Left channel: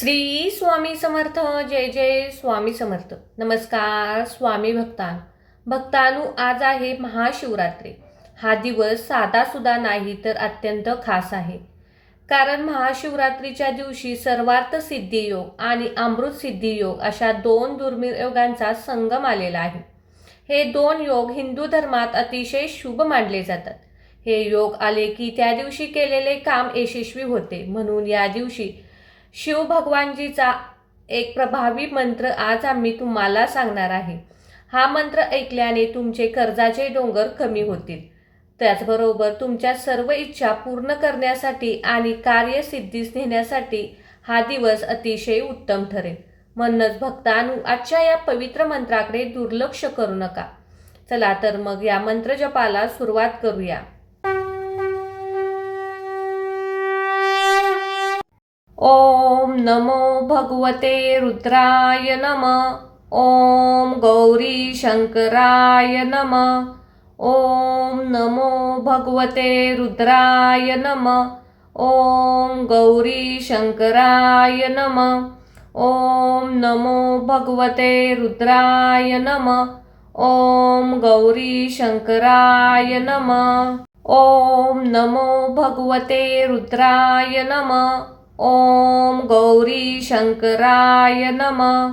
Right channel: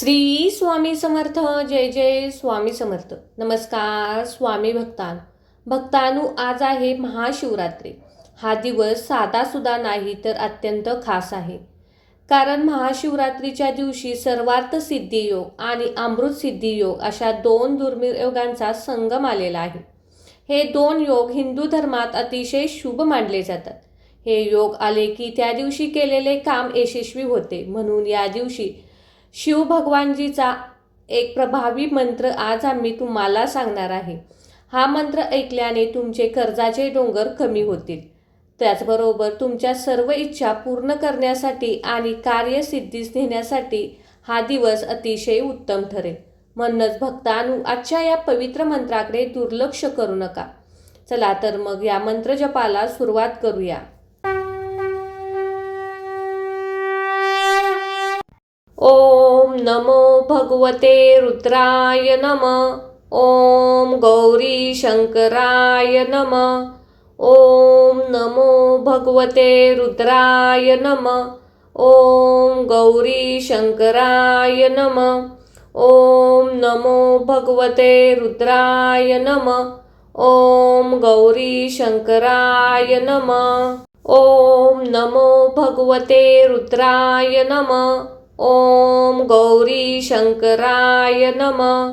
श्री स्वामी समर्थ. जय जय स्वामी समर्थ. नमस्कार स्वामी भक्तांनो, आज आहे महाशिवरात्री. हा दिवस साधासुद्धा नाही तर अत्यंत खास आहे. कारण महाशिवरात्रीच्या दिवशी सर्वार्थ सिद्धी योग आणि अमृत सिद्धी योग अशा दोन दुर्मिळ योगांचा संगम आलेला आहे. हे दोन योग हिंदू धर्मात अतिशय शुभ मानले जातात. हे योग आले की त्या दिवशी केलेले काम यशस्वी होते. म्हणून या दिवशी शिव भगवानजीचा एक प्रभावी मंत्र आज आम्ही तुम्हाला सांगणार आहे. हा मंत्र ऐकल्याने तुमचे कर्जाचे डोंगर कमी होतील. त्याचबरोबर तुमच्या सर्व इच्छा पूर्ण करण्यासाठी आणि कार्यसिद्धीस नेण्यासाठी हा दिवस अतिशय उत्तम ठरेल. म्हणूनच भक्तांनो, आजच्या या पवित्र मंत्राकडे दुर्लक्ष करू नका. चला तर मग या मंत्र जपाला सुरुवात करूया. ओम नमो भगवते रुद्राय नमः. ओम गौरी शंकराय नमः. ओम नमो भगवते रुद्राय नमः. ओम गौरी शंकराय नमः. ओम नमो भगवते रुद्राय नमः. ओम गौरी शंकराय नमः. ओम नमो भगवते रुद्राय नमः. ओम गौरी शंकराय नमः.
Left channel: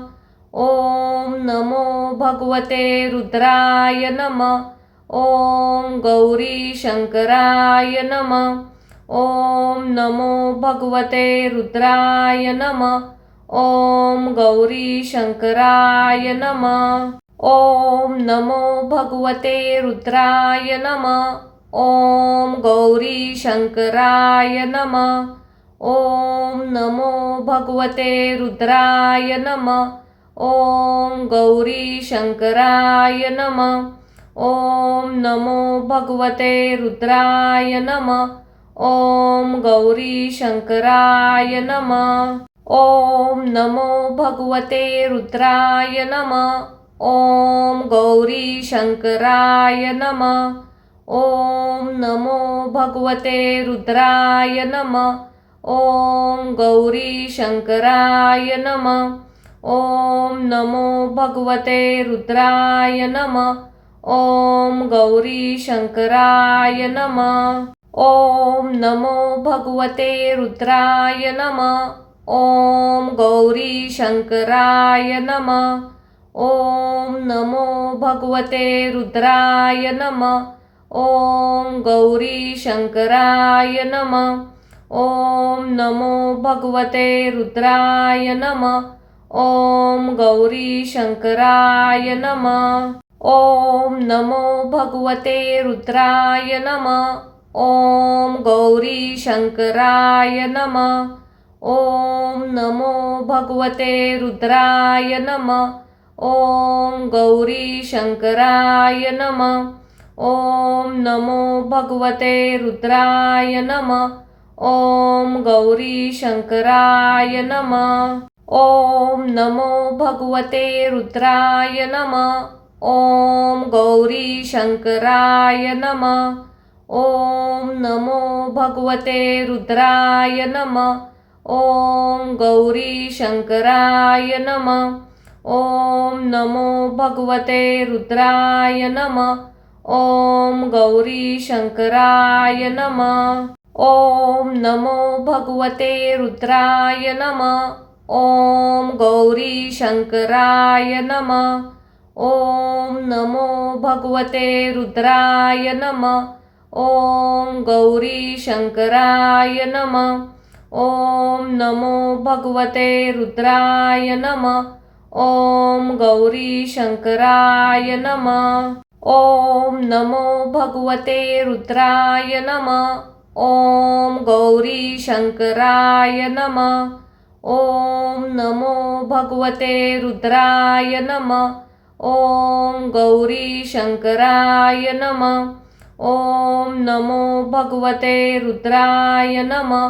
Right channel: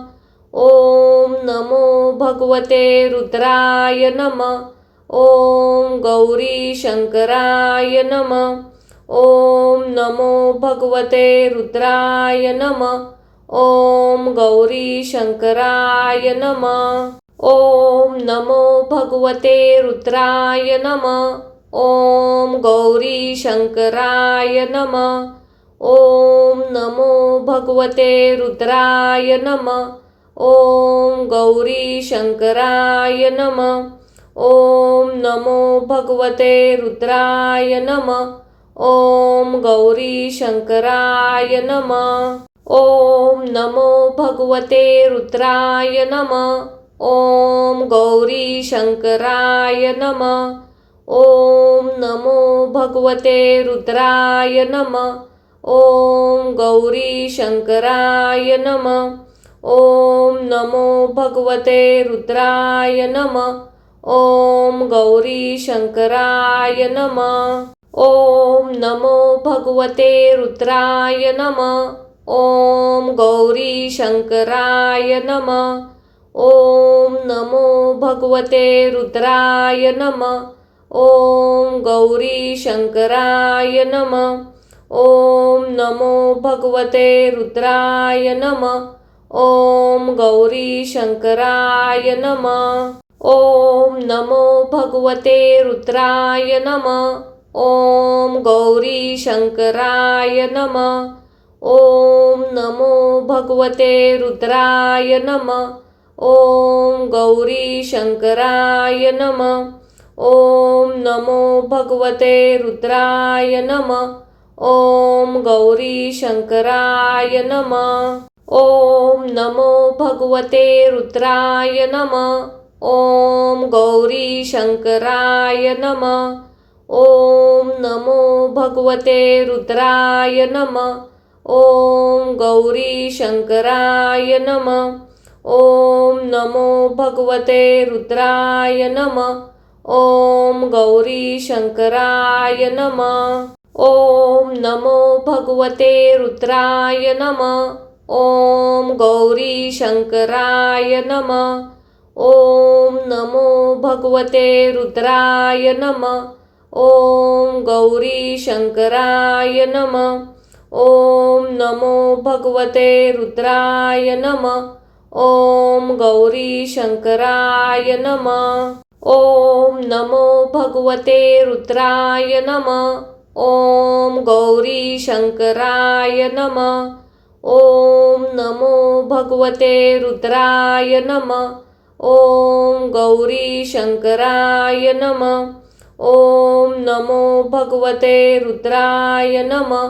ओम नमो भगवते रुद्राय नमः. ओम गौरी शंकराय नमः. ओम नमो भगवते रुद्राय नमः. ओम गौरी शंकराय नमः. ओम नमो भगवते रुद्राय नमः. ओम गौरी शंकराय नमः. ओम नमो भगवते रुद्राय नमः. ओम गौरी शंकराय नमः. ओम नमो भगवते रुद्राय नमः. ओम गौरी शंकराय नमः. ओम नमो भगवते रुद्राय नमः. ओम गौरी शंकराय नमः. ओम नमो भगवते रुद्राय नमः. ओम गौरी शंकराय नमः. ओम नमो भगवते रुद्राय नमः. ओम गौरी शंकराय नमः. ओम नमो भगवते रुद्राय नमः. ओम गौरी शंकराय नमः. ओम नमो भगवते रुद्राय नमः. ओम गौरी शंकराय नमः. ओम नमो भगवते रुद्राय नमः. ओम गौरी शंकराय नमः. ओम नमो भगवते रुद्राय नमः. ओम गौरी शंकराय नमः. ओम नमो भगवते रुद्राय नमः. ओम गौरी शंकराय नमः. ओम नमो भगवते रुद्राय नमः. ओम गौरी शंकराय नमः. ओम नमो भगवते रुद्राय नमः. ओम गौरी शंकराय नमः. ओम नमो भगवते रुद्राय नमः. ओम गौरी शंकराय नमः. ओम नमो भगवते रुद्राय नमः. ओम गौरी शंकराय नमः. ओम नमो भगवते रुद्राय नमः. ओम गौरी शंकराय नमः. ओम नमो भगवते रुद्राय नमः. ओम गौरी शंकराय नमः. ओम नमो भगवते रुद्राय नमः. ओम गौरी शंकराय नमः. ओम नमो भगवते रुद्राय नमः. ओम गौरी शंकराय नमः. ओम नमो भगवते रुद्राय नमः. ओम गौरी शंकराय नमः. ओम नमो भगवते रुद्राय नमः.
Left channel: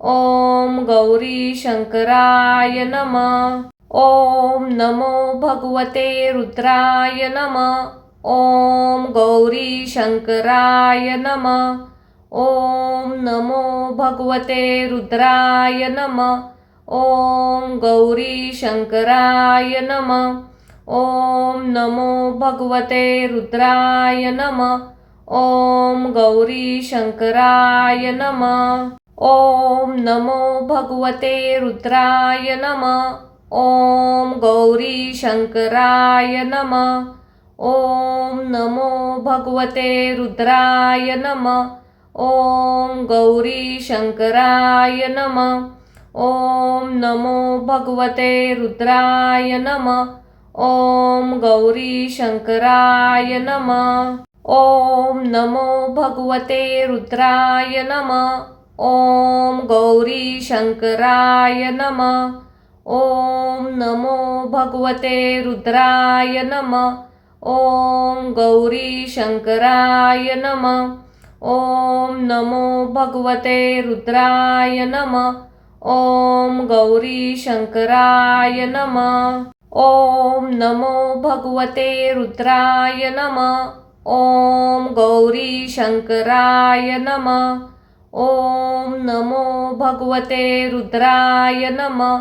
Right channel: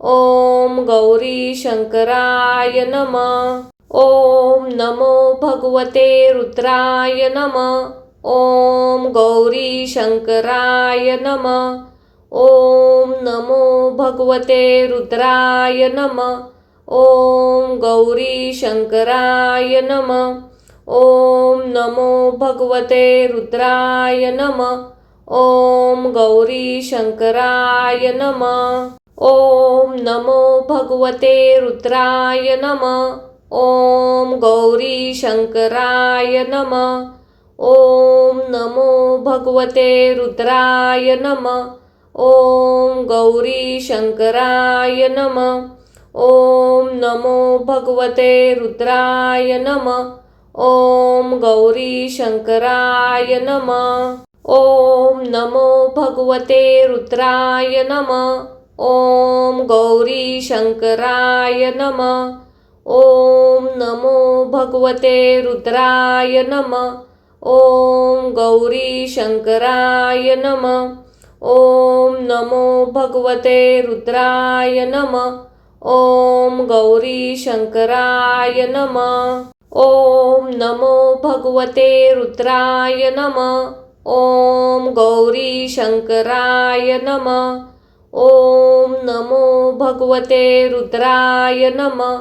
ओम गौरी शंकराय नमः. ओम नमो भगवते रुद्राय नमः. ओम गौरी शंकराय नमः. ओम नमो भगवते रुद्राय नमः. ॐ गौरी शंकराय नमः। ॐ नमो भगवते रुद्राय नमः। ॐ गौरी शंकराय नमः। ॐ नमो भगवते रुद्राय नमः। ॐ गौरी शंकराय नमः। ॐ नमो भगवते रुद्राय नमः। ॐ गौरी शंकराय नमः। ॐ नमो भगवते रुद्राय नमः। ॐ गौरी शंकराय नमः। ॐ नमो भगवते रुद्राय नमः। ॐ गौरी शंकराय नमः। ॐ नमो भगवते रुद्राय नमः। ॐ गौरी शंकराय नमः। ॐ नमो भगवते रुद्राय नमः। ॐ गौरी शंकराय नमः। ॐ नमो भगवते रुद्राय नमः। ॐ गौरी शंकराय नमः। ॐ नमो भगवते रुद्राय नमः।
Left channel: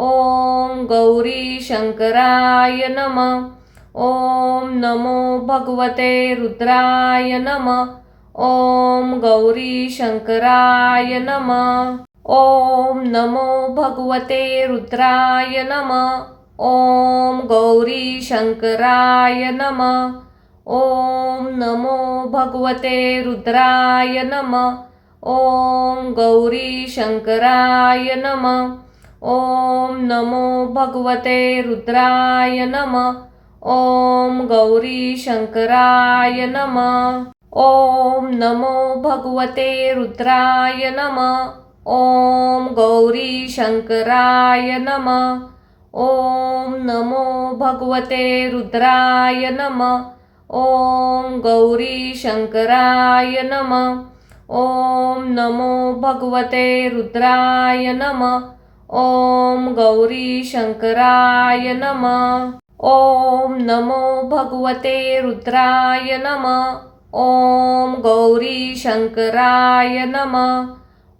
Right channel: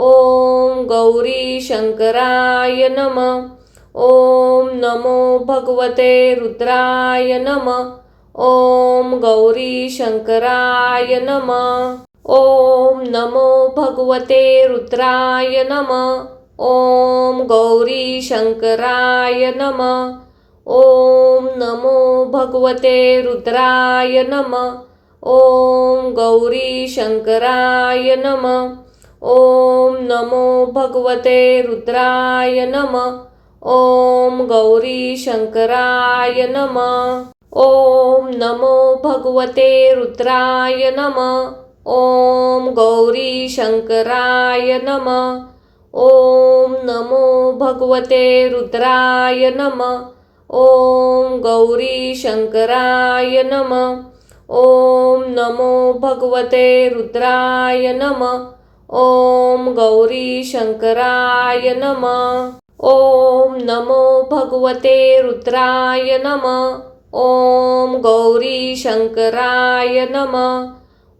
ॐ गौरी शंकराय नमः। ॐ नमो भगवते रुद्राय नमः। ॐ गौरी शंकराय नमः। ॐ नमो भगवते रुद्राय नमः। ॐ गौरी शंकराय नमः। ॐ नमो भगवते रुद्राय नमः। ॐ गौरी शंकराय नमः। ॐ नमो भगवते रुद्राय नमः। ॐ गौरी शंकराय नमः। ॐ नमो भगवते रुद्राय नमः। ॐ गौरी शंकराय नमः। ॐ नमो भगवते रुद्राय नमः। ॐ गौरी शंकराय नमः। ॐ नमो भगवते रुद्राय नमः। ॐ गौरी शंकराय नमः। ॐ नमो भगवते रुद्राय नमः। ॐ गौरी शंकराय नमः।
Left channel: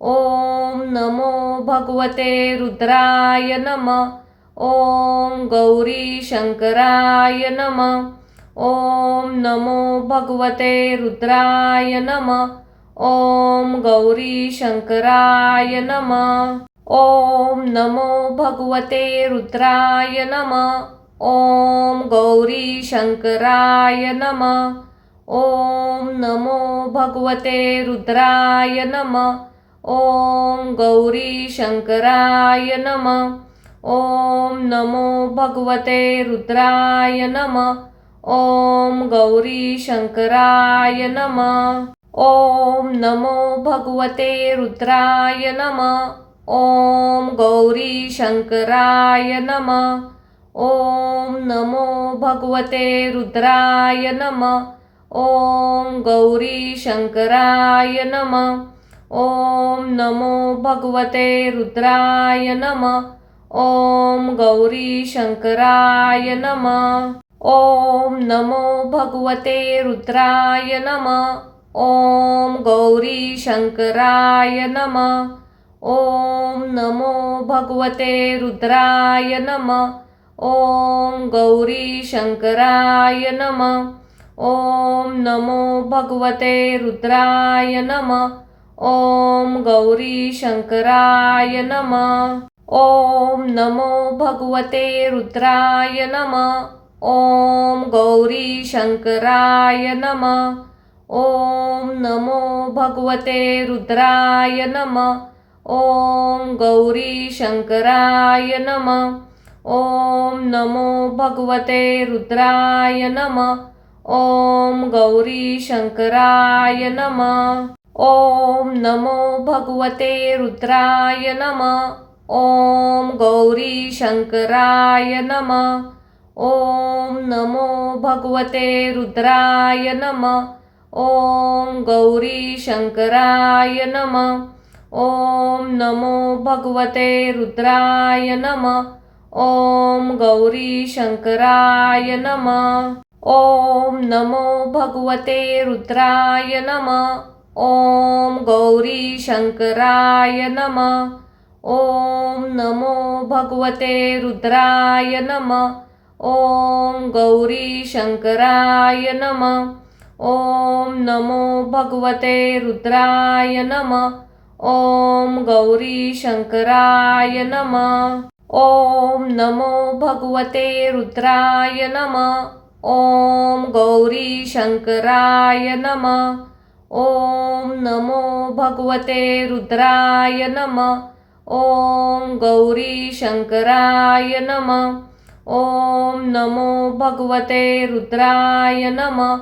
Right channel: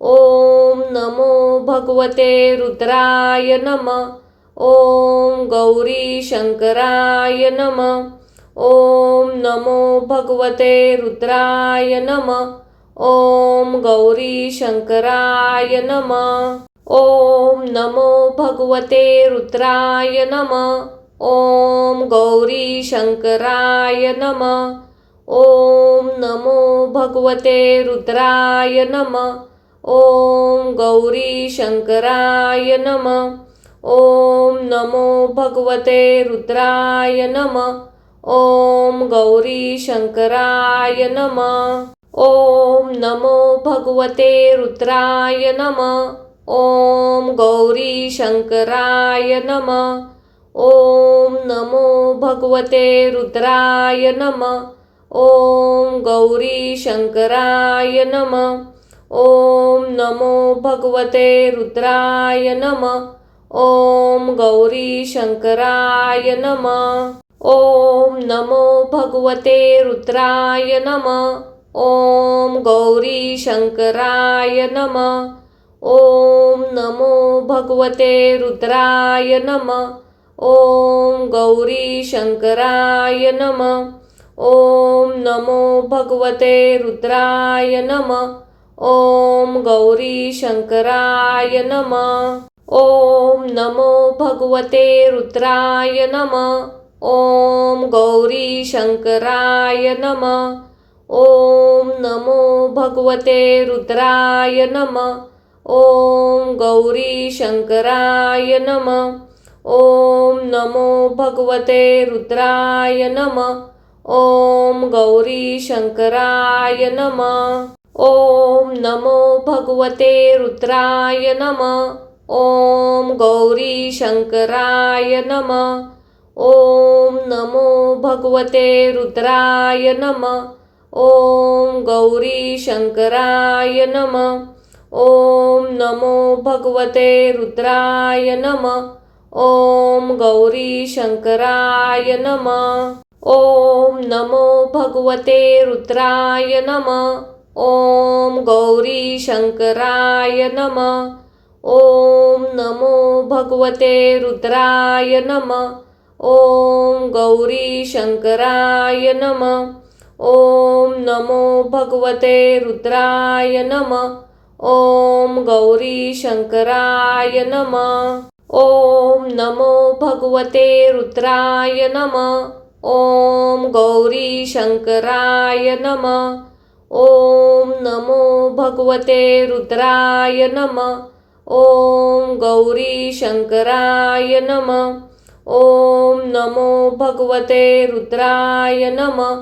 ॐ नमो भगवते रुद्राय नमः। ॐ गौरी शंकराय नमः। ॐ नमो भगवते रुद्राय नमः। ॐ गौरी शंकराय नमः। ॐ नमो भगवते रुद्राय नमः। ॐ गौरी शंकराय नमः। ॐ नमो भगवते रुद्राय नमः। ॐ गौरी शंकराय नमः। ॐ नमो भगवते रुद्राय नमः। ॐ गौरी शंकराय नमः। ॐ नमो भगवते रुद्राय नमः। ॐ गौरी शंकराय नमः। ॐ नमो भगवते रुद्राय नमः। ॐ गौरी शंकराय नमः। ॐ नमो भगवते रुद्राय नमः। ॐ गौरी शंकराय नमः। ॐ नमो भगवते रुद्राय नमः। ॐ गौरी शंकराय नमः। ॐ नमो भगवते रुद्राय नमः। ॐ गौरी शंकराय नमः। ॐ नमो भगवते रुद्राय नमः। ॐ गौरी शंकराय नमः। ॐ नमो भगवते रुद्राय नमः। ॐ गौरी शंकराय नमः। ॐ नमो भगवते रुद्राय नमः। ॐ गौरी शंकराय नमः। ॐ नमो भगवते रुद्राय नमः। ॐ गौरी शंकराय नमः। ॐ नमो भगवते रुद्राय नमः। ॐ गौरी शंकराय नमः। ॐ नमो भगवते रुद्राय नमः। ॐ गौरी शंकराय नमः। ॐ नमो भगवते रुद्राय नमः। ॐ गौरी शंकराय नमः। ॐ नमो भगवते रुद्राय नमः। ॐ गौरी शंकराय नमः। ॐ नमो भगवते रुद्राय नमः। ॐ गौरी शंकराय नमः। ॐ नमो भगवते रुद्राय नमः। ॐ गौरी शंकराय नमः। ॐ नमो भगवते रुद्राय नमः। ॐ गौरी शंकराय नमः। ॐ नमो भगवते रुद्राय नमः। ॐ गौरी शंकराय नमः। ॐ नमो भगवते रुद्राय नमः।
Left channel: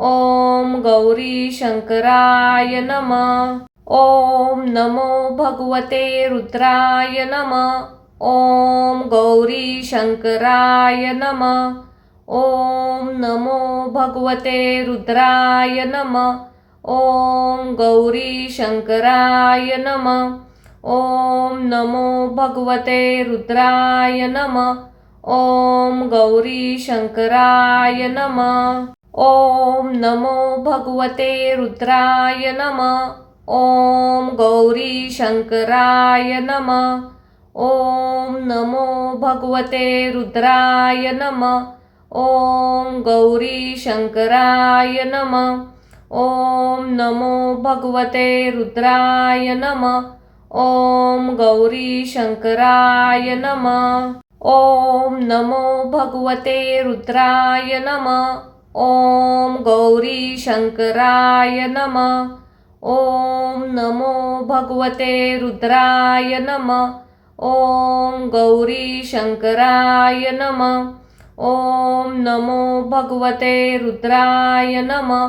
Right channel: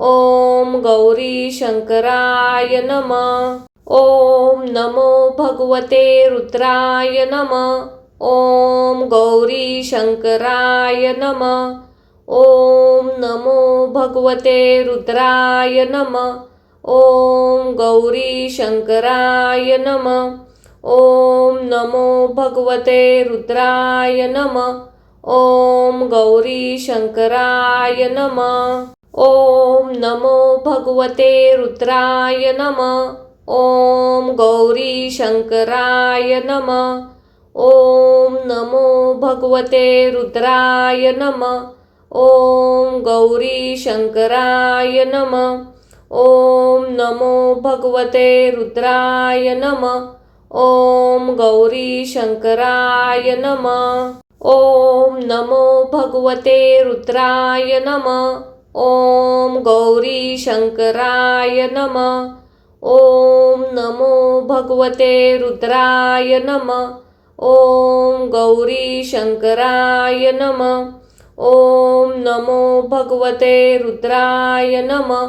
ॐ गौरी शंकराय नमः। ॐ नमो भगवते रुद्राय नमः। ॐ गौरी शंकराय नमः। ॐ नमो भगवते रुद्राय नमः। ॐ गौरी शंकराय नमः। ॐ नमो भगवते रुद्राय नमः। ॐ गौरी शंकराय नमः। ॐ नमो भगवते रुद्राय नमः। ॐ गौरी शंकराय नमः। ॐ नमो भगवते रुद्राय नमः। ॐ गौरी शंकराय नमः। ॐ नमो भगवते रुद्राय नमः। ॐ गौरी शंकराय नमः। ॐ नमो भगवते रुद्राय नमः। ॐ गौरी शंकराय नमः। ॐ नमो भगवते रुद्राय नमः। ॐ गौरी शंकराय नमः। ॐ नमो भगवते रुद्राय नमः।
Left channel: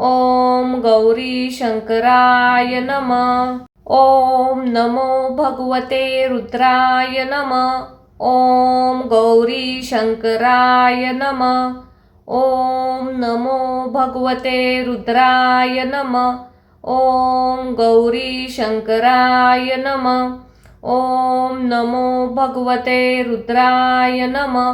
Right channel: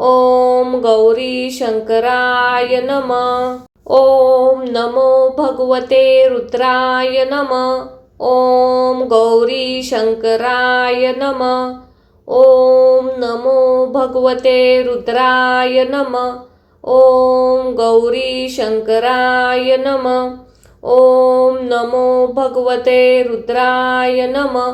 ॐ गौरी शंकराय नमः। ॐ नमो भगवते रुद्राय नमः। ॐ गौरी शंकराय नमः। ॐ नमो भगवते रुद्राय नमः। ॐ गौरी शंकराय नमः। ॐ नमो भगवते रुद्राय नमः।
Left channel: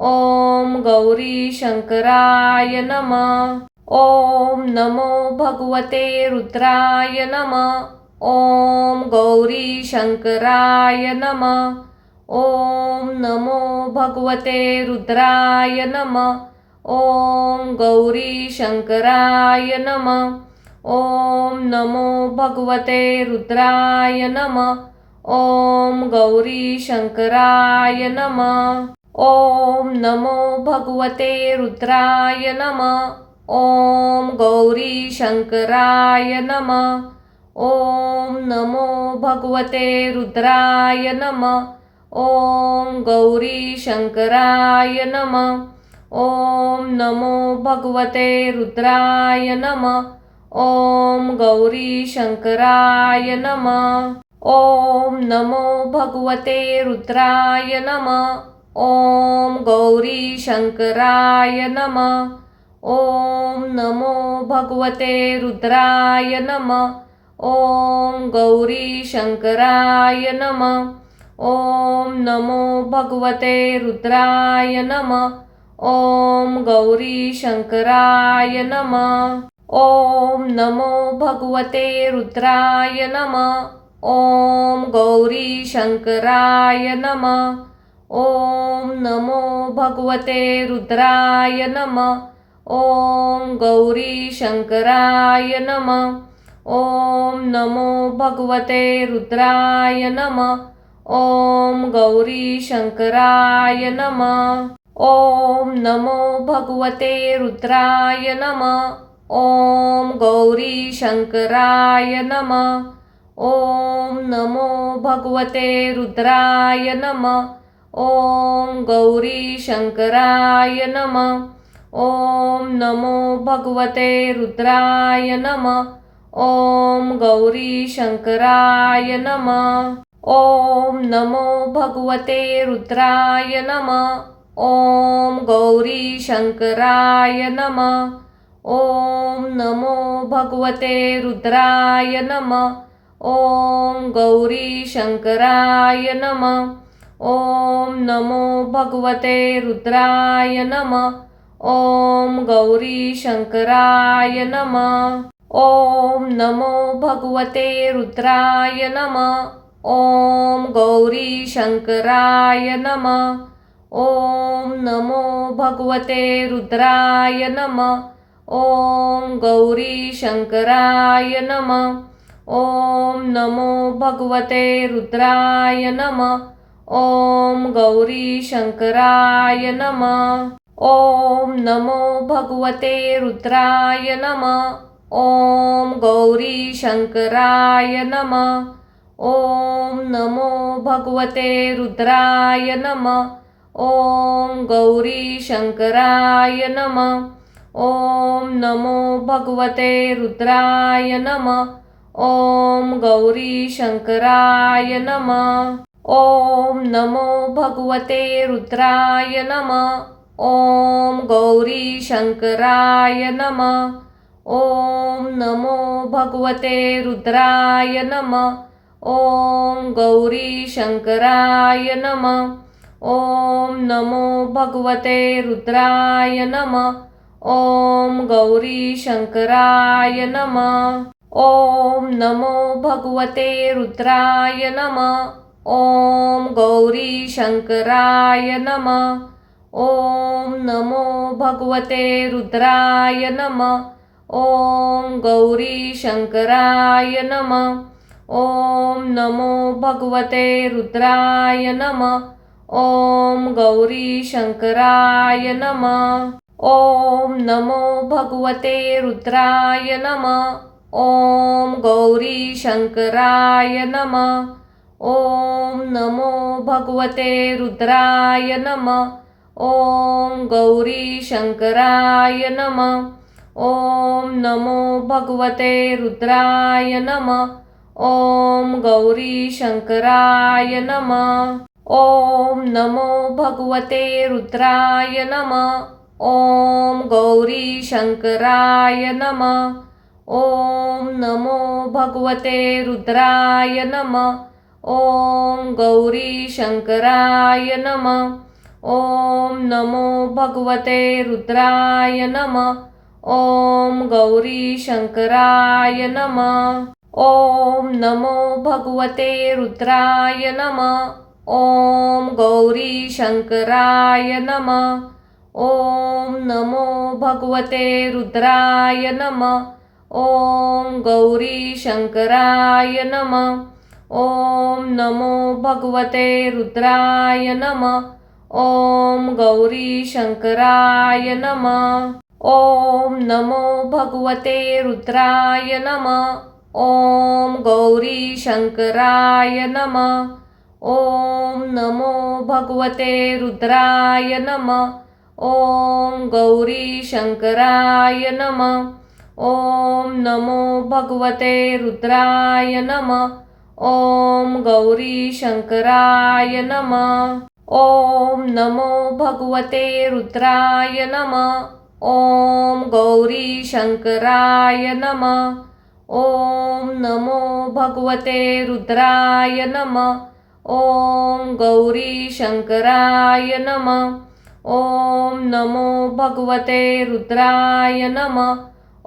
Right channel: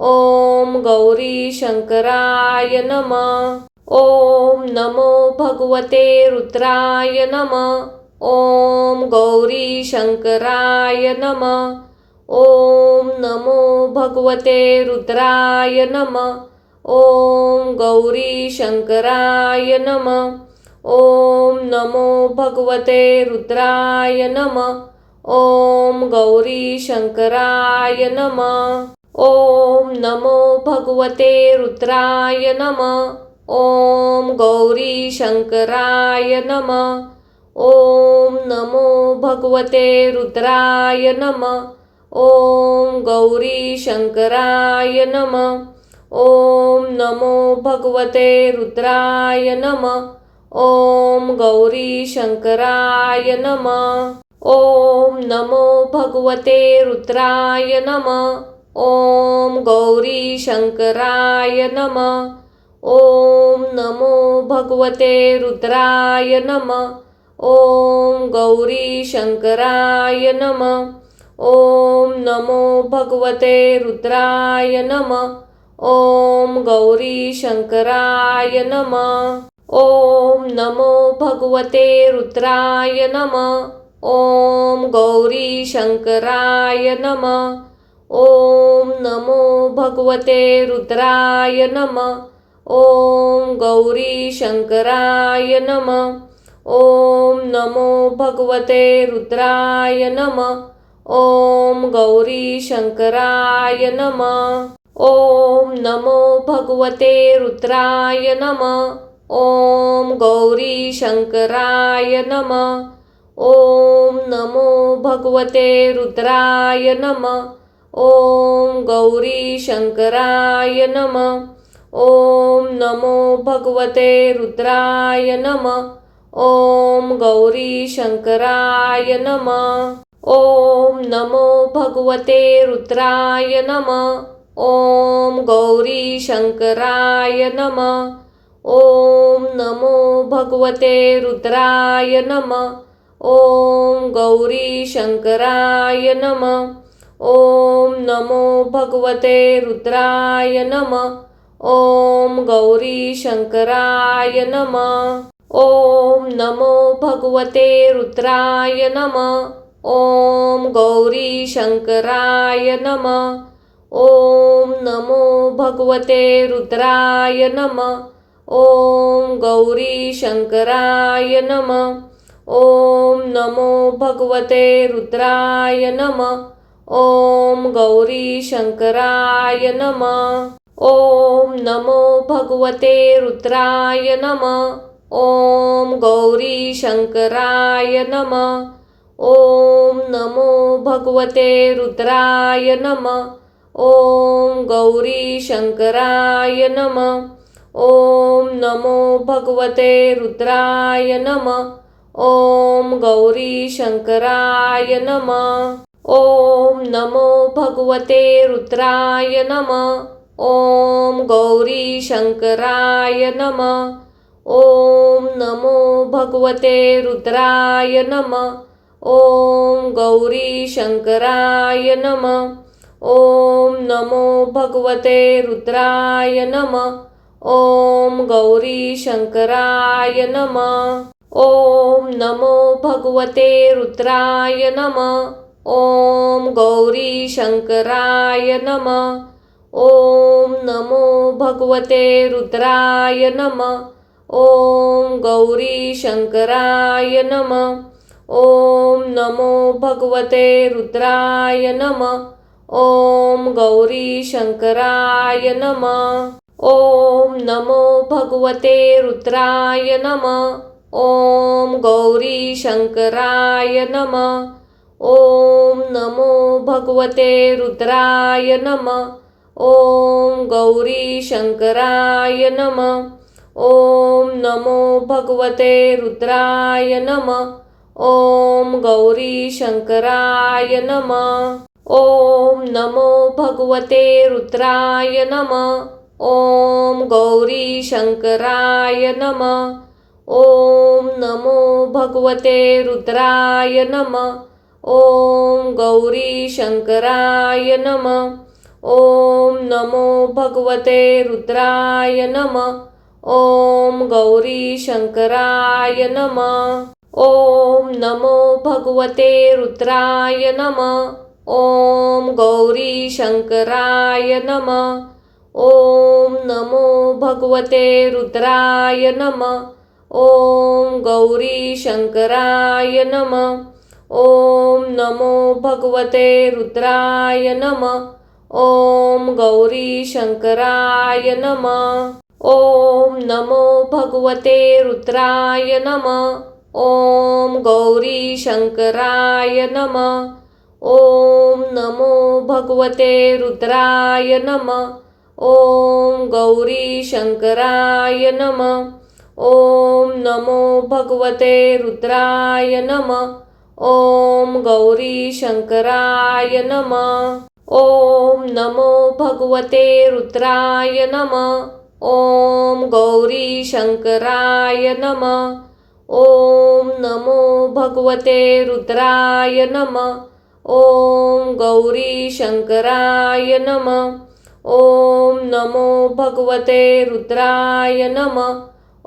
ॐ गौरी शंकराय नमः। ॐ नमो भगवते रुद्राय नमः। ॐ गौरी शंकराय नमः। ॐ नमो भगवते रुद्राय नमः। ॐ गौरी शंकराय नमः। ॐ नमो भगवते रुद्राय नमः। ॐ गौरी शंकराय नमः। ॐ नमो भगवते रुद्राय नमः। ॐ गौरी शंकराय नमः। ॐ नमो भगवते रुद्राय नमः। ॐ गौरी शंकराय नमः। ॐ नमो भगवते रुद्राय नमः। ॐ गौरी शंकराय नमः। ॐ नमो भगवते रुद्राय नमः। ॐ गौरी शंकराय नमः। ॐ नमो भगवते रुद्राय नमः। ॐ गौरी शंकराय नमः। ॐ नमो भगवते रुद्राय नमः। ॐ गौरी शंकराय नमः। ॐ नमो भगवते रुद्राय नमः। ॐ गौरी शंकराय नमः। ॐ नमो भगवते रुद्राय नमः। ॐ गौरी शंकराय नमः। ॐ नमो भगवते रुद्राय नमः। ॐ गौरी शंकराय नमः। ॐ नमो भगवते रुद्राय नमः। ॐ गौरी शंकराय नमः। ॐ नमो भगवते रुद्राय नमः। ॐ गौरी शंकराय नमः। ॐ नमो भगवते रुद्राय नमः। ॐ गौरी शंकराय नमः। ॐ नमो भगवते रुद्राय नमः। ॐ गौरी शंकराय नमः। ॐ नमो भगवते रुद्राय नमः। ॐ गौरी शंकराय नमः। ॐ नमो भगवते रुद्राय नमः। ॐ गौरी शंकराय नमः। ॐ नमो भगवते रुद्राय नमः। ॐ गौरी शंकराय नमः। ॐ नमो भगवते रुद्राय नमः। ॐ गौरी शंकराय नमः। ॐ नमो भगवते रुद्राय नमः। ॐ गौरी शंकराय नमः। ॐ नमो भगवते रुद्राय नमः। ॐ गौरी शंकराय नमः। ॐ नमो भगवते रुद्राय नमः। ॐ गौरी शंकराय नमः। ॐ नमो भगवते रुद्राय नमः। ॐ गौरी शंकराय नमः। ॐ नमो भगवते रुद्राय नमः। ॐ गौरी शंकराय नमः। ॐ नमो भगवते रुद्राय नमः। ॐ गौरी शंकराय नमः। ॐ नमो भगवते रुद्राय नमः। ॐ गौरी शंकराय नमः। ॐ नमो भगवते रुद्राय नमः। ॐ गौरी शंकराय नमः। ॐ नमो भगवते रुद्राय नमः। ॐ गौरी शंकराय नमः। ॐ नमो भगवते रुद्राय नमः। ॐ गौरी शंकराय नमः। ॐ नमो भगवते रुद्राय नमः। ॐ गौरी शंकराय नमः। ॐ नमो भगवते रुद्राय नमः। ॐ गौरी शंकराय नमः। ॐ नमो भगवते रुद्राय नमः। ॐ गौरी शंकराय नमः। ॐ नमो भगवते रुद्राय नमः। ॐ गौरी शंकराय नमः। ॐ नमो भगवते रुद्राय नमः। ॐ गौरी शंकराय नमः। ॐ नमो भगवते रुद्राय नमः। ॐ गौरी शंकराय नमः। ॐ नमो भगवते रुद्राय नमः। ॐ गौरी शंकराय नमः। ॐ नमो भगवते रुद्राय नमः। ॐ गौरी शंकराय नमः। ॐ नमो भगवते रुद्राय नमः। ॐ गौरी शंकराय नमः। ॐ नमो भगवते रुद्राय नमः। ॐ गौरी शंकराय नमः। ॐ नमो भगवते रुद्राय नमः। ॐ गौरी शंकराय नमः। ॐ नमो भगवते रुद्राय नमः। ॐ गौरी शंकराय नमः। ॐ नमो भगवते रुद्राय नमः। ॐ गौरी शंकराय नमः। ॐ नमो भगवते रुद्राय नमः। ॐ गौरी शंकराय नमः। ॐ नमो भगवते रुद्राय नमः।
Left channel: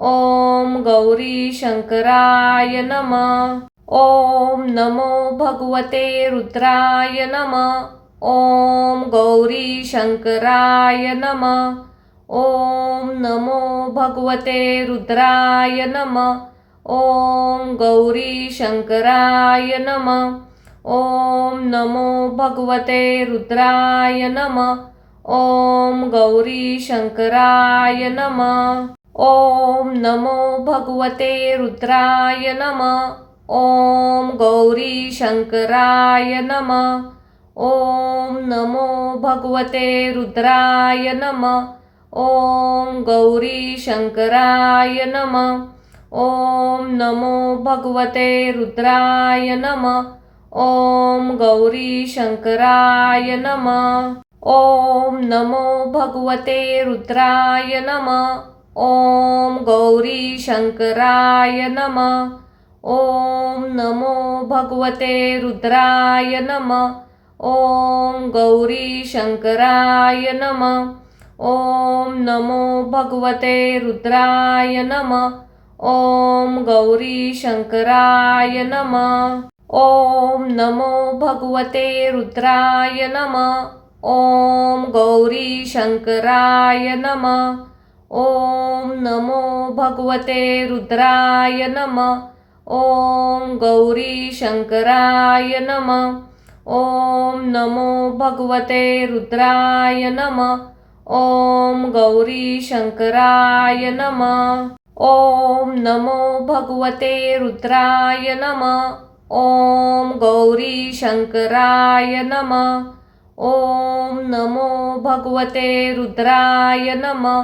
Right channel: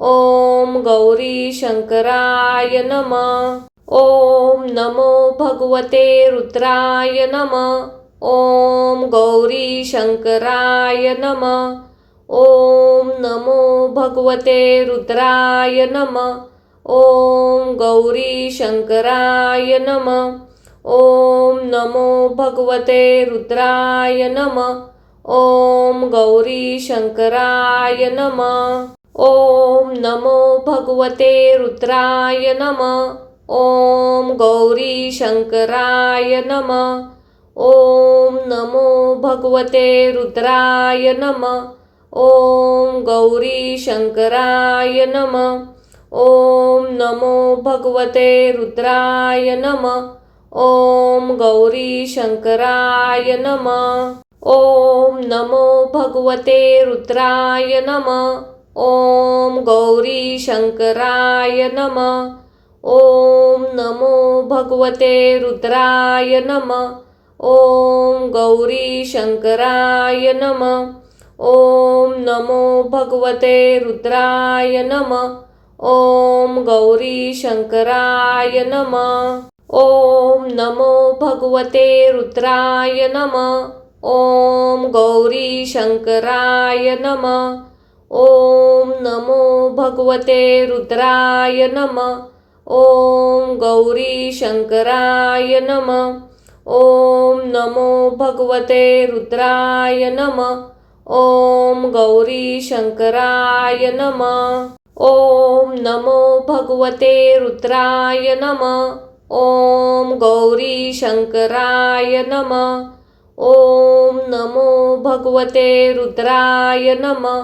ॐ गौरी शंकराय नमः। ॐ नमो भगवते रुद्राय नमः। ॐ गौरी शंकराय नमः। ॐ नमो भगवते रुद्राय नमः। ॐ गौरी शंकराय नमः। ॐ नमो भगवते रुद्राय नमः। ॐ गौरी शंकराय नमः। ॐ नमो भगवते रुद्राय नमः। ॐ गौरी शंकराय नमः। ॐ नमो भगवते रुद्राय नमः। ॐ गौरी शंकराय नमः। ॐ नमो भगवते रुद्राय नमः। ॐ गौरी शंकराय नमः। ॐ नमो भगवते रुद्राय नमः। ॐ गौरी शंकराय नमः। ॐ नमो भगवते रुद्राय नमः। ॐ गौरी शंकराय नमः। ॐ नमो भगवते रुद्राय नमः। ॐ गौरी शंकराय नमः। ओम नमो भगवते रुद्राय नमः. ओम गौरी शंकराय नमः. ओम नमो भगवते रुद्राय नमः. ओम गौरी शंकराय नमः. ओम नमो भगवते रुद्राय नमः. ओम गौरी शंकराय नमः. ओम नमो भगवते रुद्राय नमः. ओम गौरी शंकराय नमः. ओम नमो भगवते रुद्राय नमः.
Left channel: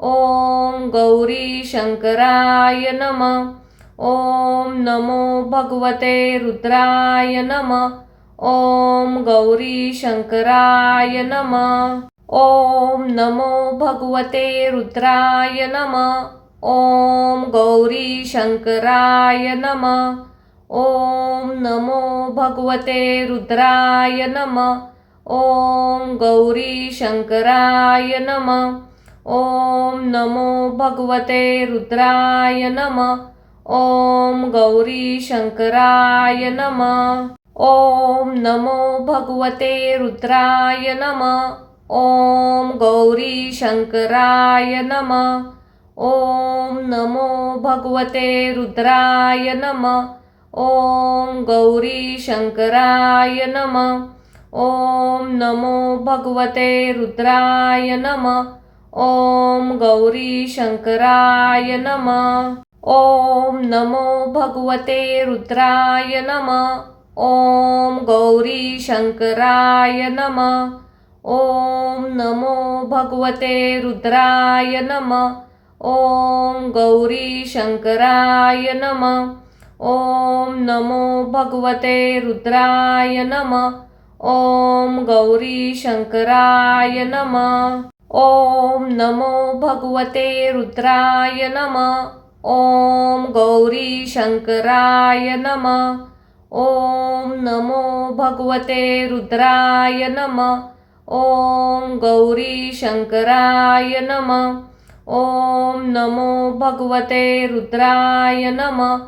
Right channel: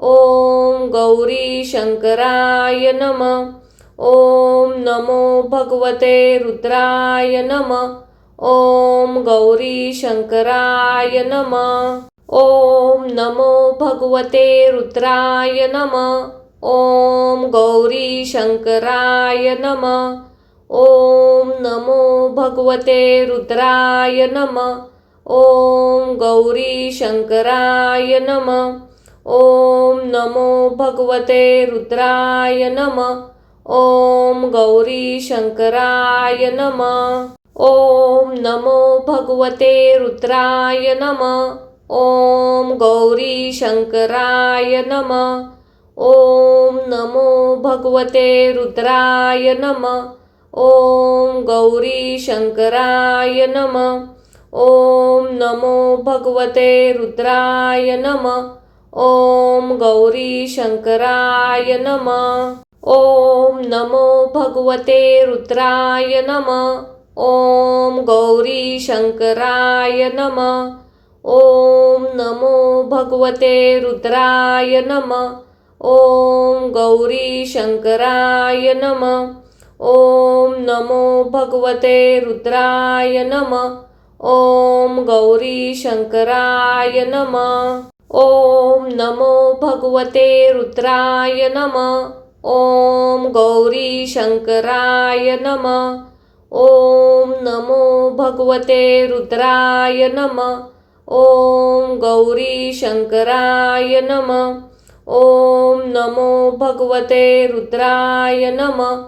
ओम गौरी शंकराय नमः. ओम नमो भगवते रुद्राय नमः. ओम गौरी शंकराय नमः. ओम नमो भगवते रुद्राय नमः. ओम गौरी शंकराय नमः. ओम नमो भगवते रुद्राय नमः. ओम गौरी शंकराय नमः. ओम नमो भगवते रुद्राय नमः. ओम गौरी शंकराय नमः. ओम नमो भगवते रुद्राय नमः. ओम गौरी शंकराय नमः. ओम नमो भगवते रुद्राय नमः. ओम गौरी शंकराय नमः. ओम नमो भगवते रुद्राय नमः. ओम गौरी शंकराय नमः. ओम नमो भगवते रुद्राय नमः. ओम गौरी शंकराय नमः. ओम नमो भगवते रुद्राय नमः. ओम गौरी शंकराय नमः. ओम नमो भगवते रुद्राय नमः. ओम गौरी शंकराय नमः. ओम नमो भगवते रुद्राय नमः. ओम गौरी शंकराय नमः. ओम नमो भगवते रुद्राय नमः. ओम गौरी शंकराय नमः. ओम नमो भगवते रुद्राय नमः.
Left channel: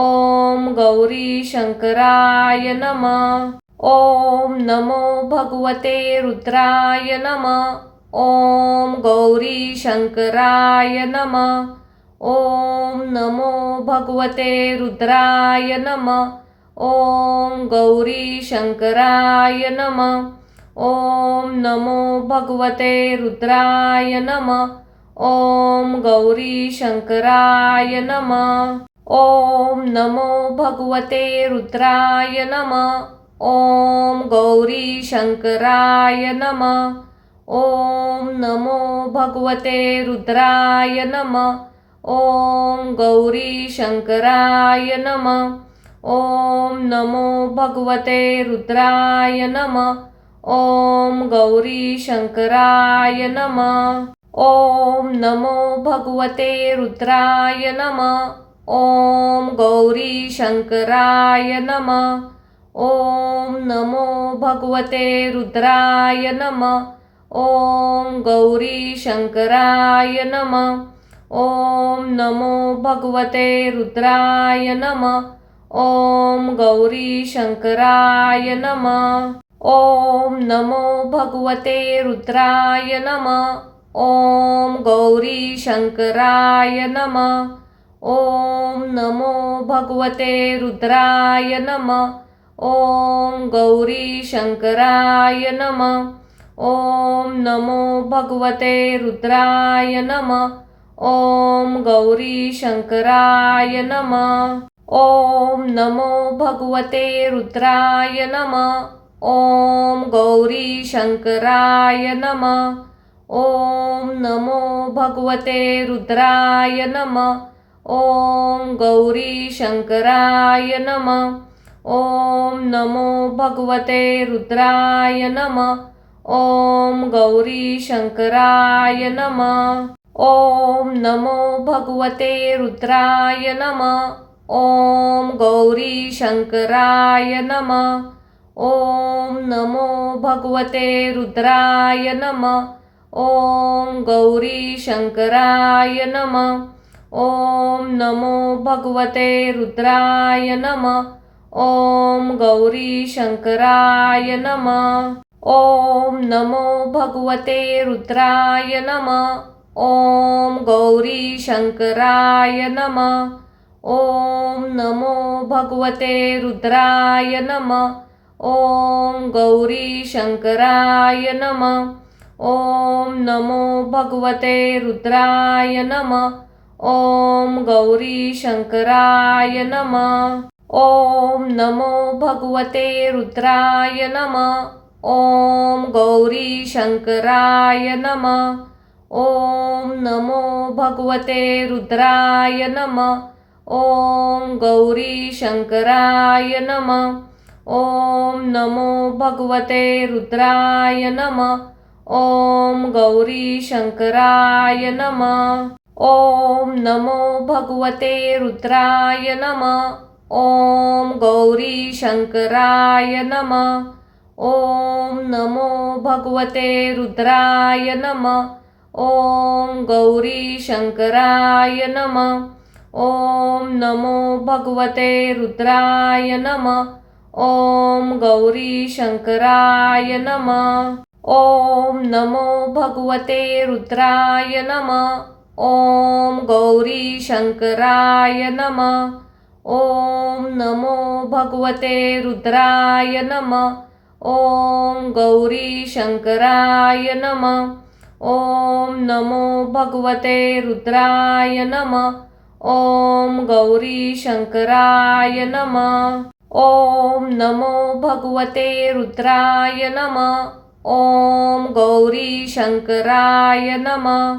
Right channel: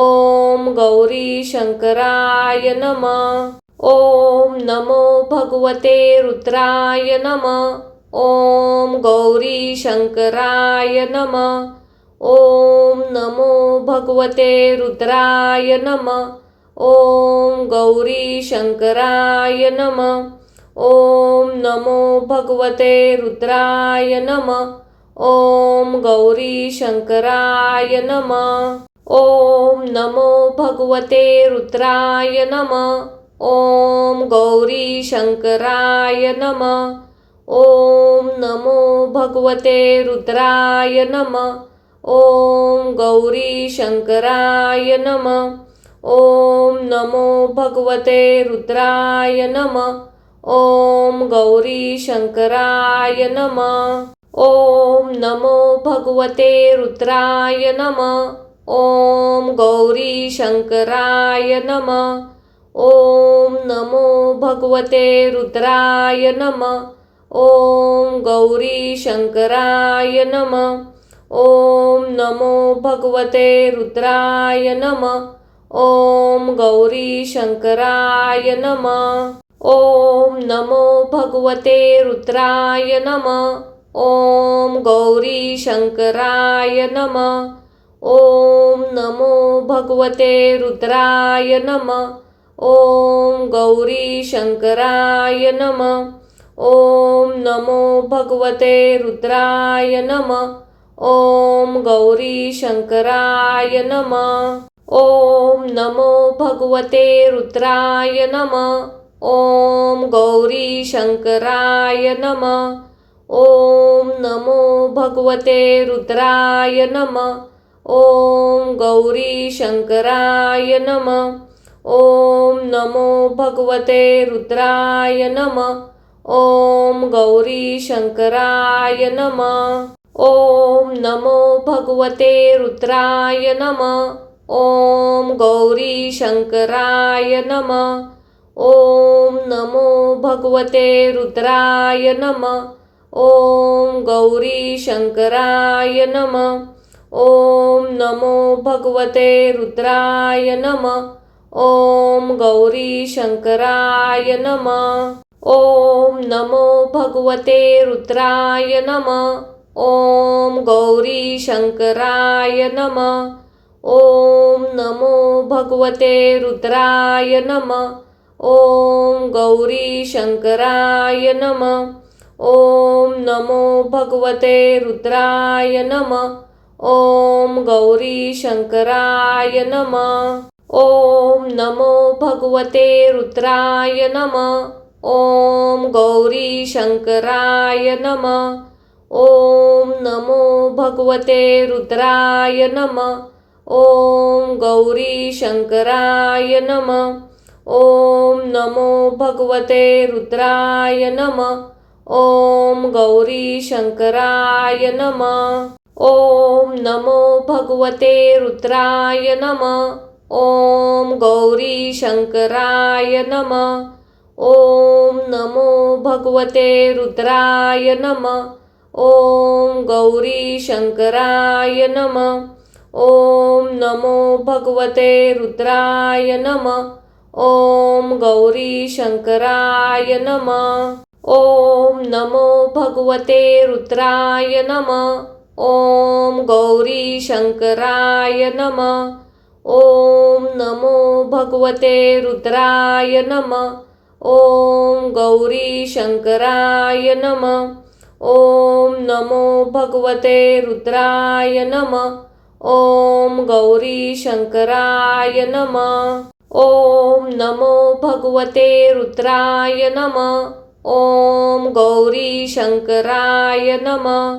ओम गौरी शंकराय नमः. ओम नमो भगवते रुद्राय नमः. ओम गौरी शंकराय नमः. ओम नमो भगवते रुद्राय नमः. ओम गौरी शंकराय नमः. ओम नमो भगवते रुद्राय नमः. ओम गौरी शंकराय नमः. ओम नमो भगवते रुद्राय नमः. ओम गौरी शंकराय नमः. ओम नमो भगवते रुद्राय नमः. ओम गौरी शंकराय नमः. ओम नमो भगवते रुद्राय नमः. ओम गौरी शंकराय नमः. ओम नमो भगवते रुद्राय नमः. ओम गौरी शंकराय नमः. ओम नमो भगवते रुद्राय नमः. ओम गौरी शंकराय नमः. ओम नमो भगवते रुद्राय नमः. ओम गौरी शंकराय नमः. ओम नमो भगवते रुद्राय नमः. ओम गौरी शंकराय नमः. ओम नमो भगवते रुद्राय नमः. ओम गौरी शंकराय नमः. ओम नमो भगवते रुद्राय नमः. ओम गौरी शंकराय नमः. ओम नमो भगवते रुद्राय नमः. ओम गौरी शंकराय नमः. ओम नमो भगवते रुद्राय नमः. ओम गौरी शंकराय नमः. ओम नमो भगवते रुद्राय नमः. ओम गौरी शंकराय नमः. ओम नमो भगवते रुद्राय नमः. ओम गौरी शंकराय नमः. ओम नमो भगवते रुद्राय नमः. ओम गौरी शंकराय नमः. ओम नमो भगवते रुद्राय नमः. ओम ॐ गौरीशङ्कराय नमः। ॐ नमो भगवते रुद्राय नमः। ॐ गौरीशङ्कराय नमः। ॐ नमो भगवते रुद्राय नमः। ॐ गौरीशङ्कराय नमः। ॐ नमो भगवते रुद्राय नमः। ॐ गौरीशङ्कराय नमः। ॐ नमो भगवते रुद्राय नमः। ॐ गौरीशङ्कराय नमः। ॐ नमो भगवते रुद्राय नमः। ॐ गौरीशङ्कराय नमः। ॐ नमो भगवते रुद्राय नमः। ॐ गौरीशङ्कराय नमः। ॐ नमो भगवते रुद्राय नमः। ॐ गौरीशङ्कराय नमः। ॐ नमो भगवते रुद्राय नमः। ॐ गौरीशङ्कराय नमः। ॐ नमो भगवते रुद्राय नमः। ॐ गौरीशङ्कराय नमः। ॐ नमो भगवते रुद्राय नमः। ॐ गौरीशङ्कराय नमः। ॐ नमो भगवते रुद्राय नमः। ॐ गौरीशङ्कराय नमः। ॐ नमो भगवते रुद्राय नमः। ॐ गौरीशङ्कराय नमः। ॐ नमो भगवते रुद्राय नमः। ॐ गौरीशङ्कराय नमः।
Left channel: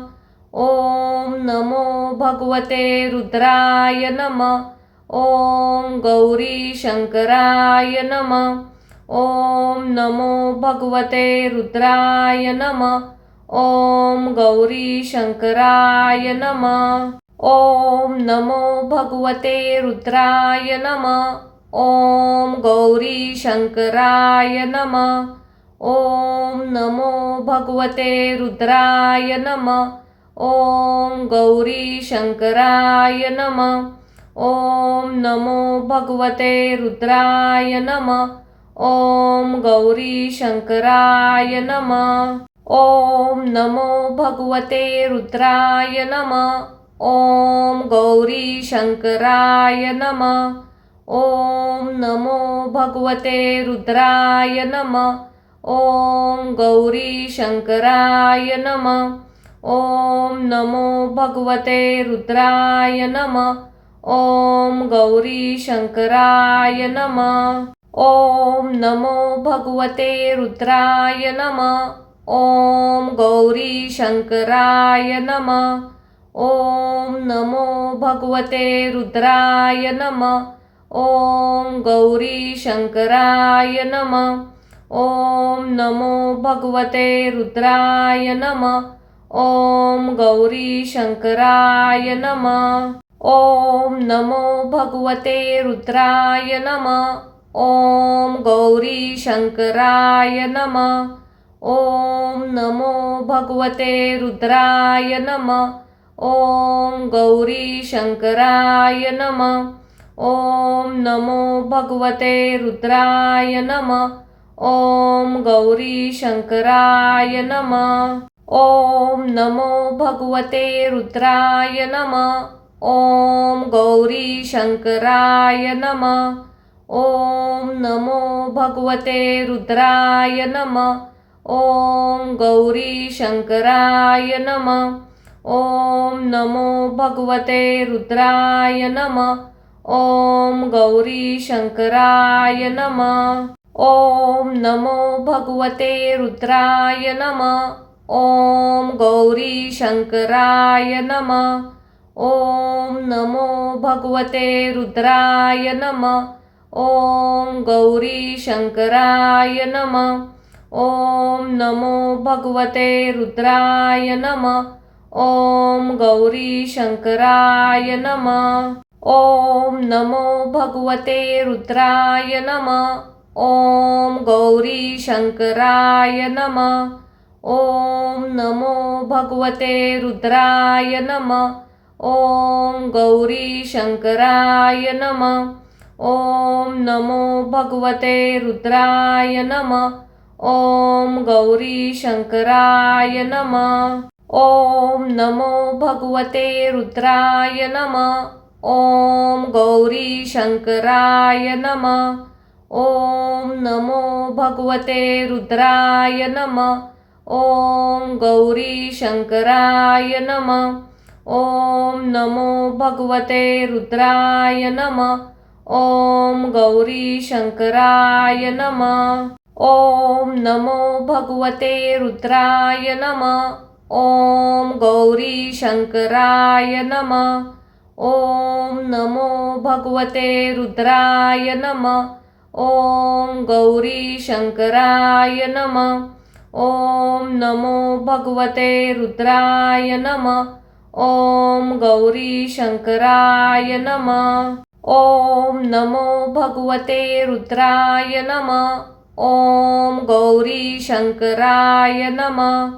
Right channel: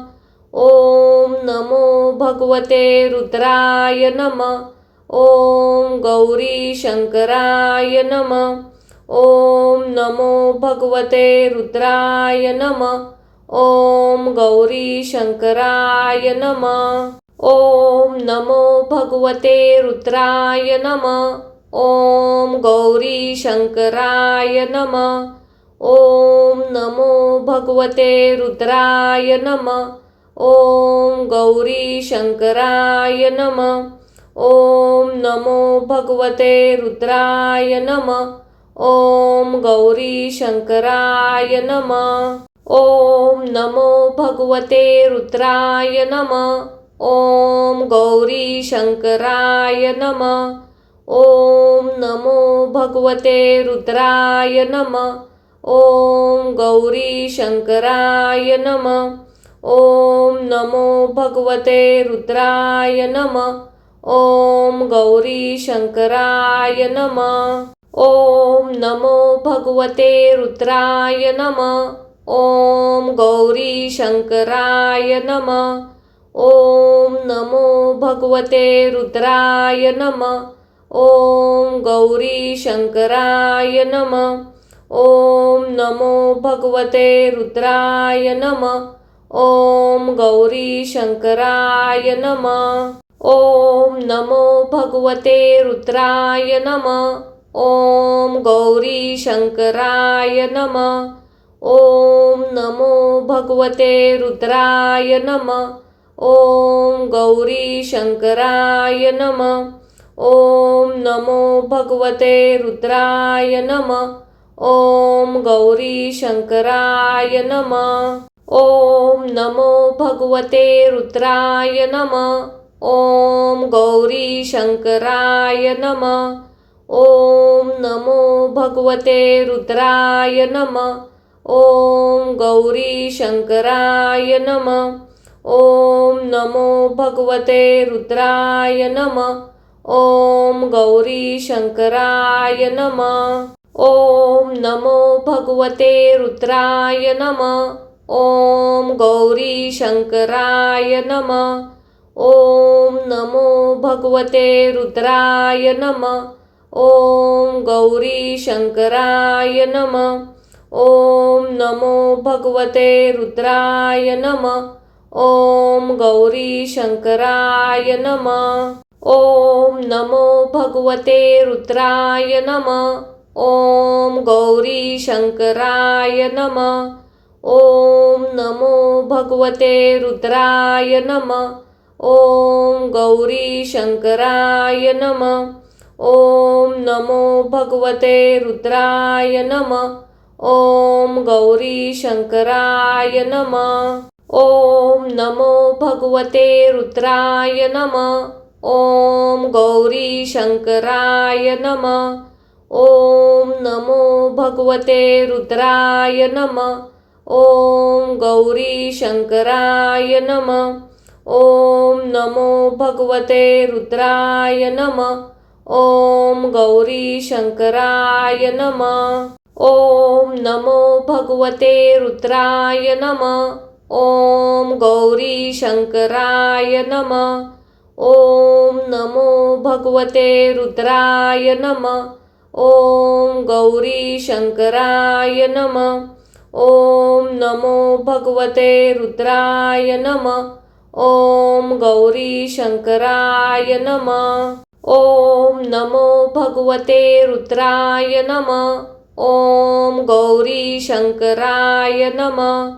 ॐ नमो भगवते रुद्राय नमः। ॐ गौरीशङ्कराय नमः। ॐ नमो भगवते रुद्राय नमः। ॐ गौरीशङ्कराय नमः। ॐ नमो भगवते रुद्राय नमः। ॐ गौरीशङ्कराय नमः। ॐ नमो भगवते रुद्राय नमः। ॐ गौरीशङ्कराय नमः। ॐ नमो भगवते रुद्राय नमः। ॐ गौरीशङ्कराय नमः। ॐ नमो भगवते रुद्राय नमः। ॐ गौरीशङ्कराय नमः। ॐ नमो भगवते रुद्राय नमः। ॐ गौरीशङ्कराय नमः। ॐ नमो भगवते रुद्राय नमः। ॐ गौरीशङ्कराय नमः। ॐ नमो भगवते रुद्राय नमः। ॐ गौरीशङ्कराय नमः। ॐ नमो भगवते रुद्राय नमः। ॐ गौरीशङ्कराय नमः। ॐ नमो भगवते रुद्राय नमः। ॐ गौरीशङ्कराय नमः। ॐ नमो भगवते रुद्राय नमः। ॐ गौरीशङ्कराय नमः। ॐ नमो भगवते रुद्राय नमः। ॐ गौरीशङ्कराय नमः। ॐ नमो भगवते रुद्राय नमः। ॐ गौरीशङ्कराय नमः। ॐ नमो भगवते रुद्राय नमः। ॐ गौरीशङ्कराय नमः। ॐ नमो भगवते रुद्राय नमः। ॐ गौरीशङ्कराय नमः। ॐ नमो भगवते रुद्राय नमः। ॐ गौरीशङ्कराय नमः। ॐ नमो भगवते रुद्राय नमः। ॐ गौरीशङ्कराय नमः। ॐ नमो भगवते रुद्राय नमः। ॐ गौरीशङ्कराय नमः। ॐ नमो भगवते रुद्राय नमः। ॐ गौरीशङ्कराय नमः। ॐ नमो भगवते रुद्राय नमः। ॐ गौरीशङ्कराय नमः। ॐ नमो भगवते रुद्राय नमः। ॐ गौरीशङ्कराय नमः। ॐ नमो भगवते रुद्राय नमः। ॐ गौरी शंकराय नमः। ॐ नमो भगवते रुद्राय नमः। ॐ गौरी शंकराय नमः। ॐ नमो भगवते रुद्राय नमः। ॐ गौरी शंकराय नमः। ॐ नमो भगवते रुद्राय नमः। ॐ गौरी शंकराय नमः। ॐ नमो भगवते रुद्राय नमः। ॐ गौरी शंकराय नमः। ॐ नमो भगवते रुद्राय नमः। ॐ गौरी शंकराय नमः। ॐ नमो भगवते रुद्राय नमः। ॐ गौरी शंकराय नमः। ॐ नमो भगवते रुद्राय नमः। ॐ गौरी शंकराय नमः।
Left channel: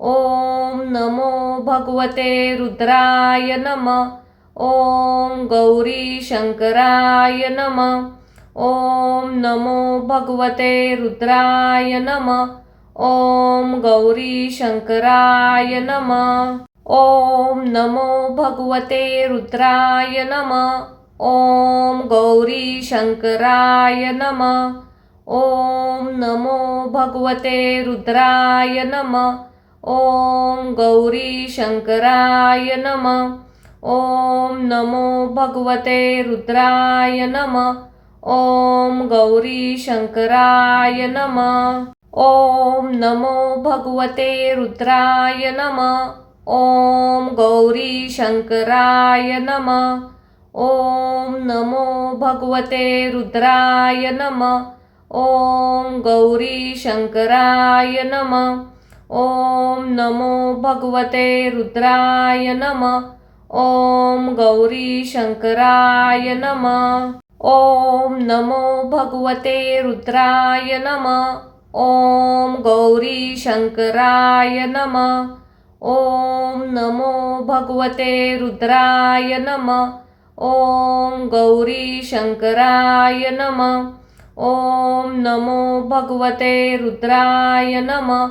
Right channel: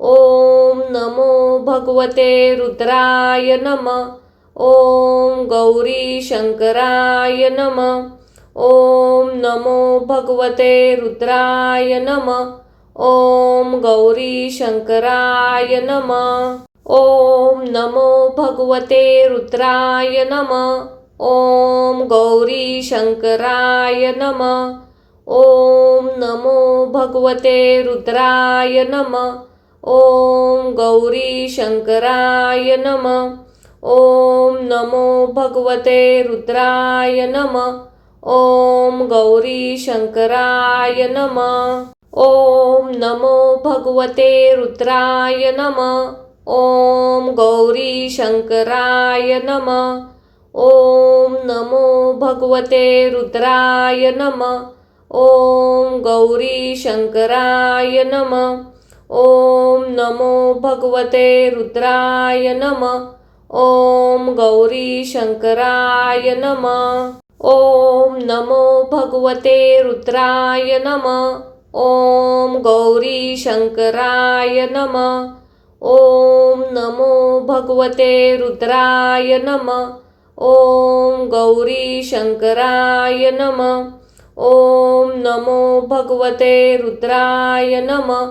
ॐ नमो भगवते रुद्राय नमः। ॐ गौरी शंकराय नमः। ॐ नमो भगवते रुद्राय नमः। ॐ गौरी शंकराय नमः। ॐ नमो भगवते रुद्राय नमः। ॐ गौरी शंकराय नमः। ॐ नमो भगवते रुद्राय नमः। ॐ गौरी शंकराय नमः। ॐ नमो भगवते रुद्राय नमः। ॐ गौरी शंकराय नमः। ॐ नमो भगवते रुद्राय नमः। ॐ गौरी शंकराय नमः। ॐ नमो भगवते रुद्राय नमः। ॐ गौरी शंकराय नमः। ॐ नमो भगवते रुद्राय नमः। ॐ गौरी शंकराय नमः। ॐ नमो भगवते रुद्राय नमः। ॐ गौरी शंकराय नमः। ॐ नमो भगवते रुद्राय नमः। ॐ गौरी शंकराय नमः। ॐ नमो भगवते रुद्राय नमः।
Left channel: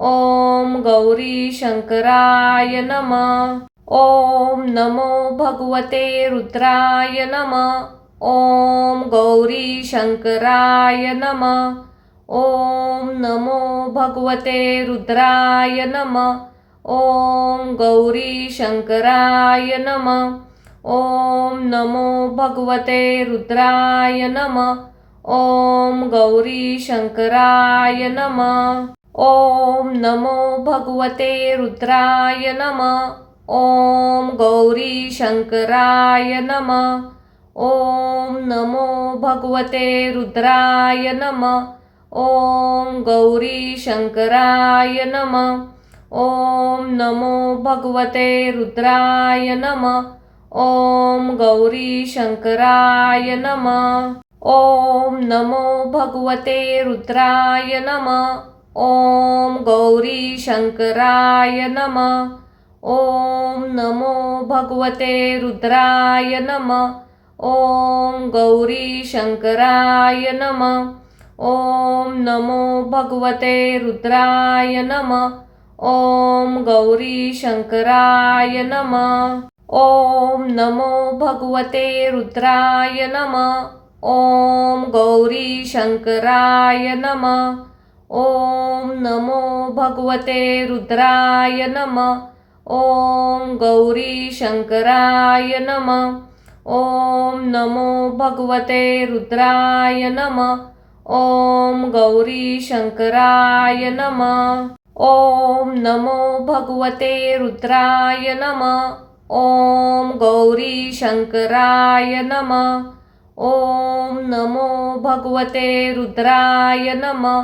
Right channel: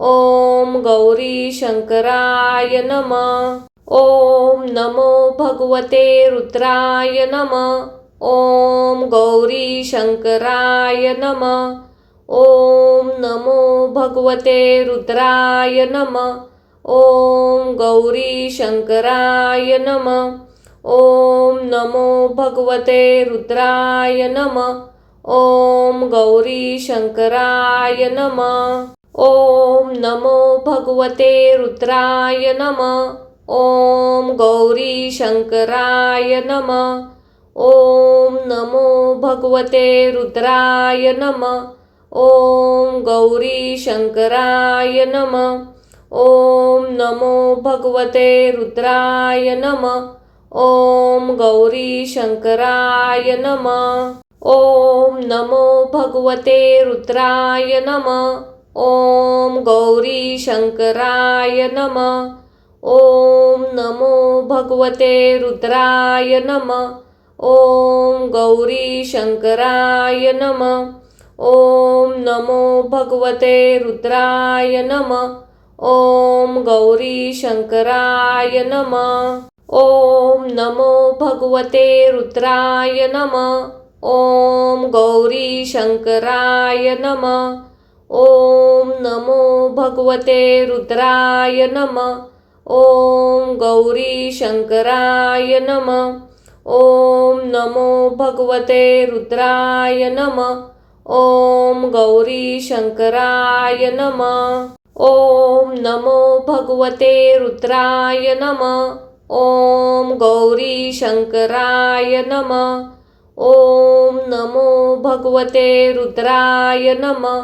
ॐ गौरी शंकराय नमः। ॐ नमो भगवते रुद्राय नमः। ॐ गौरी शंकराय नमः। ॐ नमो भगवते रुद्राय नमः। ॐ गौरी शंकराय नमः। ॐ नमो भगवते रुद्राय नमः। ॐ गौरी शंकराय नमः। ॐ नमो भगवते रुद्राय नमः। ॐ गौरी शंकराय नमः। ॐ नमो भगवते रुद्राय नमः। ॐ गौरी शंकराय नमः। ॐ नमो भगवते रुद्राय नमः। ॐ गौरी शंकराय नमः। ॐ नमो भगवते रुद्राय नमः। ॐ गौरी शंकराय नमः। ॐ नमो भगवते रुद्राय नमः। ॐ गौरी शंकराय नमः। ॐ नमो भगवते रुद्राय नमः। ॐ गौरी शंकराय नमः। ॐ नमो भगवते रुद्राय नमः। ॐ गौरी शंकराय नमः। ॐ नमो भगवते रुद्राय नमः। ॐ गौरी शंकराय नमः। ॐ नमो भगवते रुद्राय नमः। ॐ गौरी शंकराय नमः। ॐ नमो भगवते रुद्राय नमः। ॐ गौरी शंकराय नमः। ॐ नमो भगवते रुद्राय नमः।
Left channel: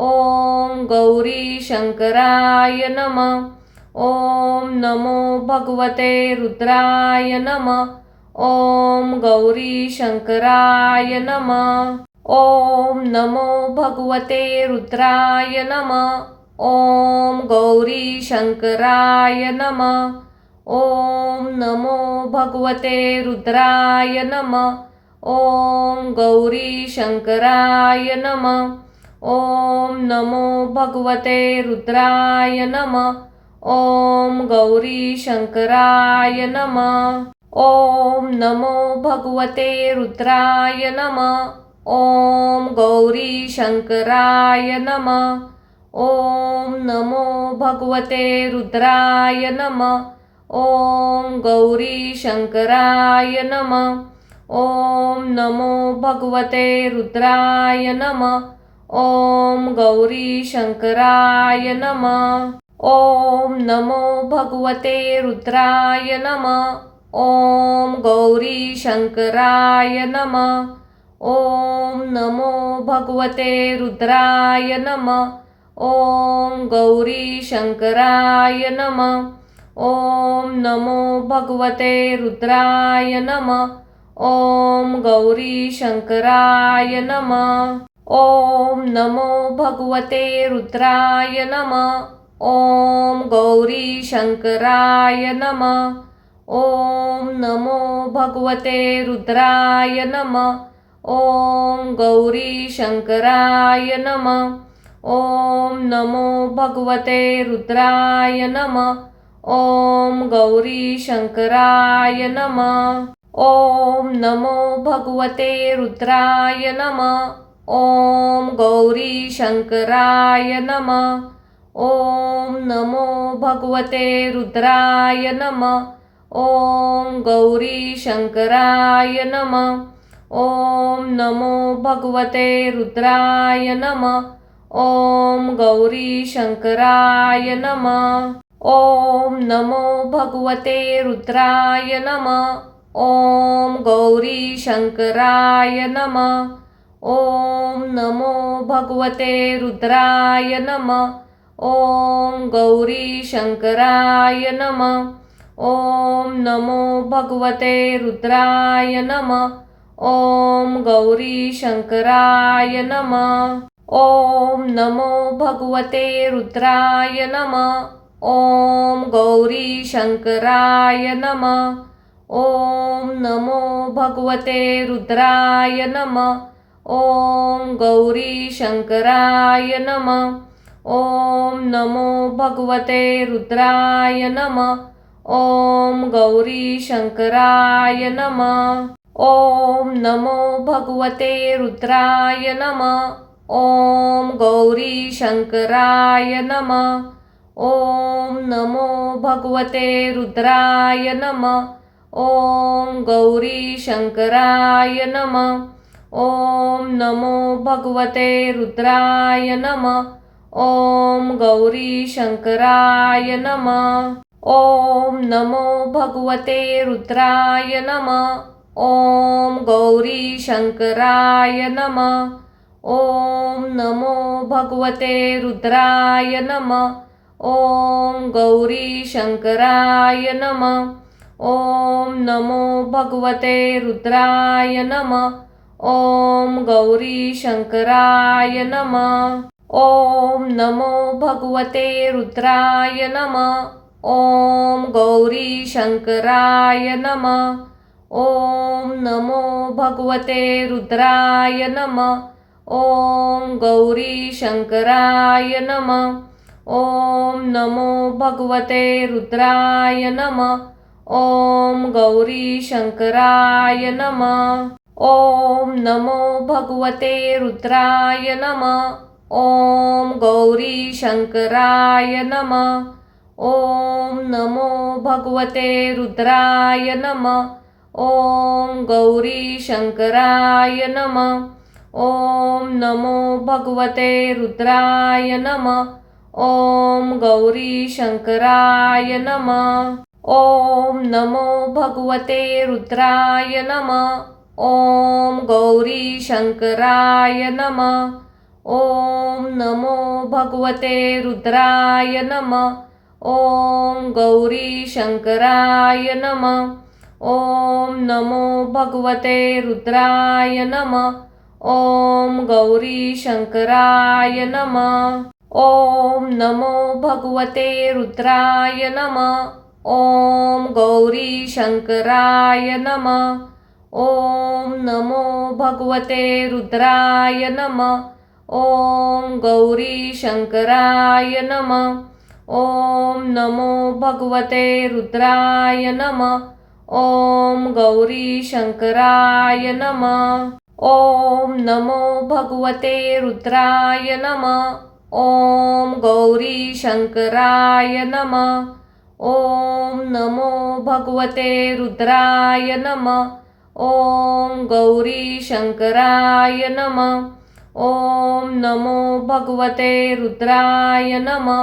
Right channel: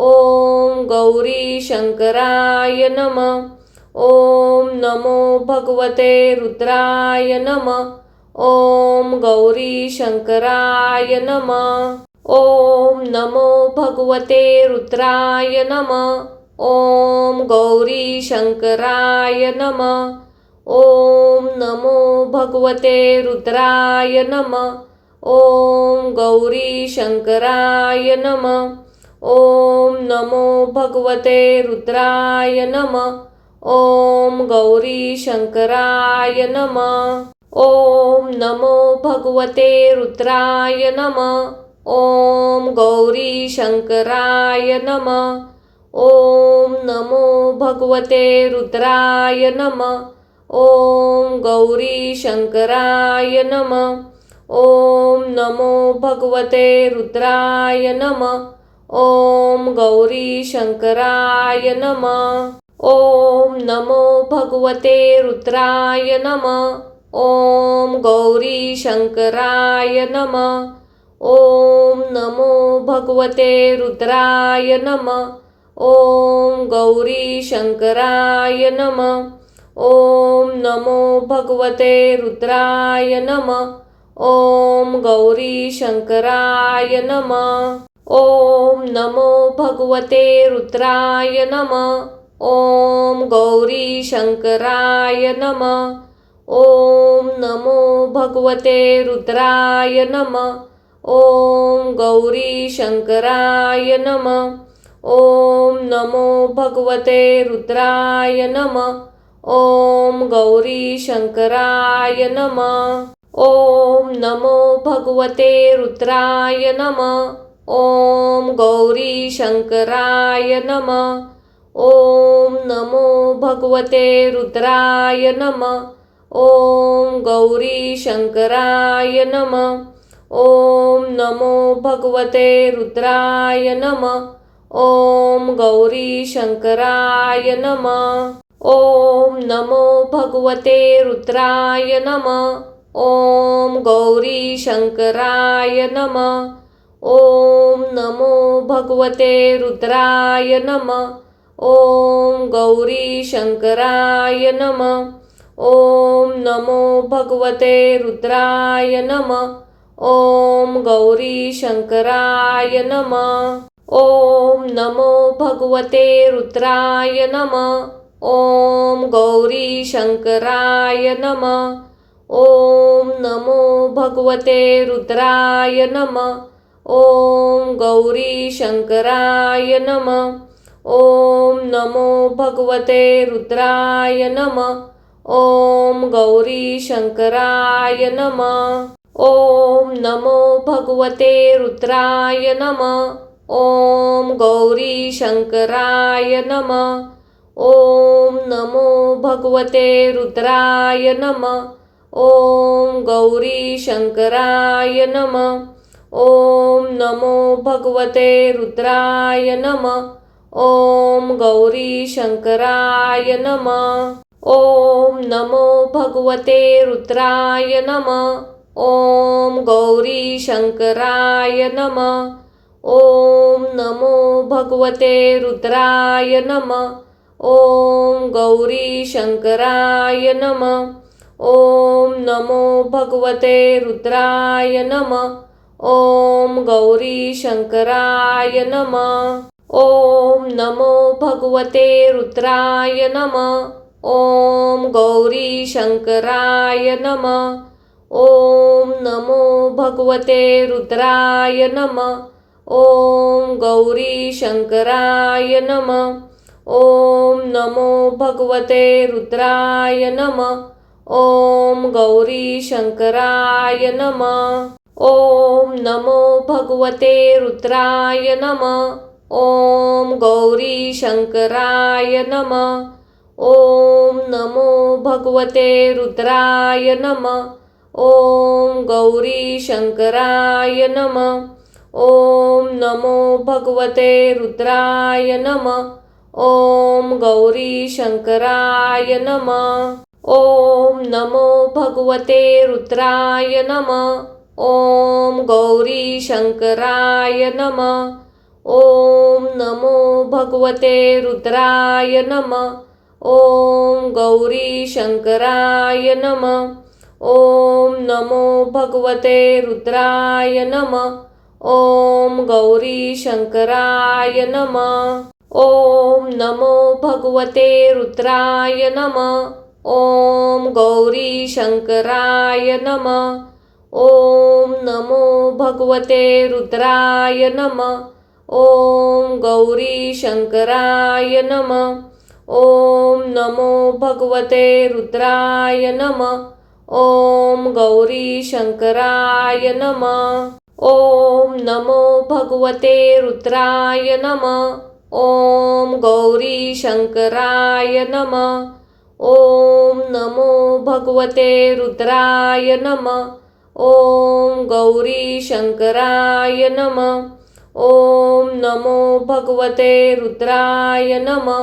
ॐ गौरी शंकराय नमः। ॐ नमो भगवते रुद्राय नमः। ॐ गौरी शंकराय नमः। ॐ नमो भगवते रुद्राय नमः। ॐ गौरी शंकराय नमः। ॐ नमो भगवते रुद्राय नमः। ॐ गौरी शंकराय नमः। ॐ नमो भगवते रुद्राय नमः। ॐ गौरी शंकराय नमः। ॐ नमो भगवते रुद्राय नमः। ॐ गौरी शंकराय नमः। ॐ नमो भगवते रुद्राय नमः। ॐ गौरी शंकराय नमः। ॐ नमो भगवते रुद्राय नमः। ॐ गौरी शंकराय नमः। ॐ नमो भगवते रुद्राय नमः। ॐ गौरी शंकराय नमः। ॐ नमो भगवते रुद्राय नमः। ॐ गौरी शंकराय नमः। ॐ नमो भगवते रुद्राय नमः। ॐ गौरी शंकराय नमः। ॐ नमो भगवते रुद्राय नमः। ॐ गौरी शंकराय नमः। ॐ नमो भगवते रुद्राय नमः। ॐ गौरी शंकराय नमः। ॐ नमो भगवते रुद्राय नमः। ॐ गौरी शंकराय नमः। ॐ नमो भगवते रुद्राय नमः। ॐ गौरी शंकराय नमः। ॐ नमो भगवते रुद्राय नमः। ॐ गौरी शंकराय नमः। ॐ नमो भगवते रुद्राय नमः। ॐ गौरी शंकराय नमः। ॐ नमो भगवते रुद्राय नमः। ॐ गौरी शंकराय नमः। ॐ नमो भगवते रुद्राय नमः। ॐ गौरी शंकराय नमः। ॐ नमो भगवते रुद्राय नमः। ॐ गौरी शंकराय नमः। ॐ नमो भगवते रुद्राय नमः। ॐ गौरी शंकराय नमः। ॐ नमो भगवते रुद्राय नमः। ॐ गौरी शंकराय नमः। ॐ नमो भगवते रुद्राय नमः। ॐ गौरी शंकराय नमः। ॐ नमो भगवते रुद्राय नमः। ॐ गौरी शंकराय नमः। ॐ नमो भगवते रुद्राय नमः। ॐ गौरी शंकराय नमः। ॐ नमो भगवते रुद्राय नमः। ॐ गौरी शंकराय नमः। ॐ नमो भगवते रुद्राय नमः। ॐ गौरी शंकराय नमः। ॐ नमो भगवते रुद्राय नमः। ॐ गौरी शंकराय नमः। ॐ नमो भगवते रुद्राय नमः। ॐ गौरी शंकराय नमः। ॐ नमो भगवते रुद्राय नमः। ॐ गौरी शंकराय नमः। ॐ नमो भगवते रुद्राय नमः। ॐ गौरी शंकराय नमः। ॐ नमो भगवते रुद्राय नमः। ॐ गौरी शंकराय नमः। ॐ नमो भगवते रुद्राय नमः। ॐ गौरी शंकराय नमः। ॐ नमो भगवते रुद्राय नमः। ॐ गौरी शंकराय नमः। ॐ नमो भगवते रुद्राय नमः। ॐ गौरी शंकराय नमः। ॐ नमो भगवते रुद्राय नमः। ॐ गौरी शंकराय नमः। ॐ नमो भगवते रुद्राय नमः। ॐ गौरी शंकराय नमः। ॐ नमो भगवते रुद्राय नमः। ॐ गौरी शंकराय नमः। ॐ नमो भगवते रुद्राय नमः। ॐ गौरी शंकराय नमः। ॐ नमो भगवते रुद्राय नमः। ॐ गौरी शंकराय नमः। ॐ नमो भगवते रुद्राय नमः। ॐ गौरी शंकराय नमः। ॐ नमो भगवते रुद्राय नमः। ॐ गौरी शंकराय नमः। ॐ नमो भगवते रुद्राय नमः। ॐ गौरी शंकराय नमः। ॐ नमो भगवते रुद्राय नमः।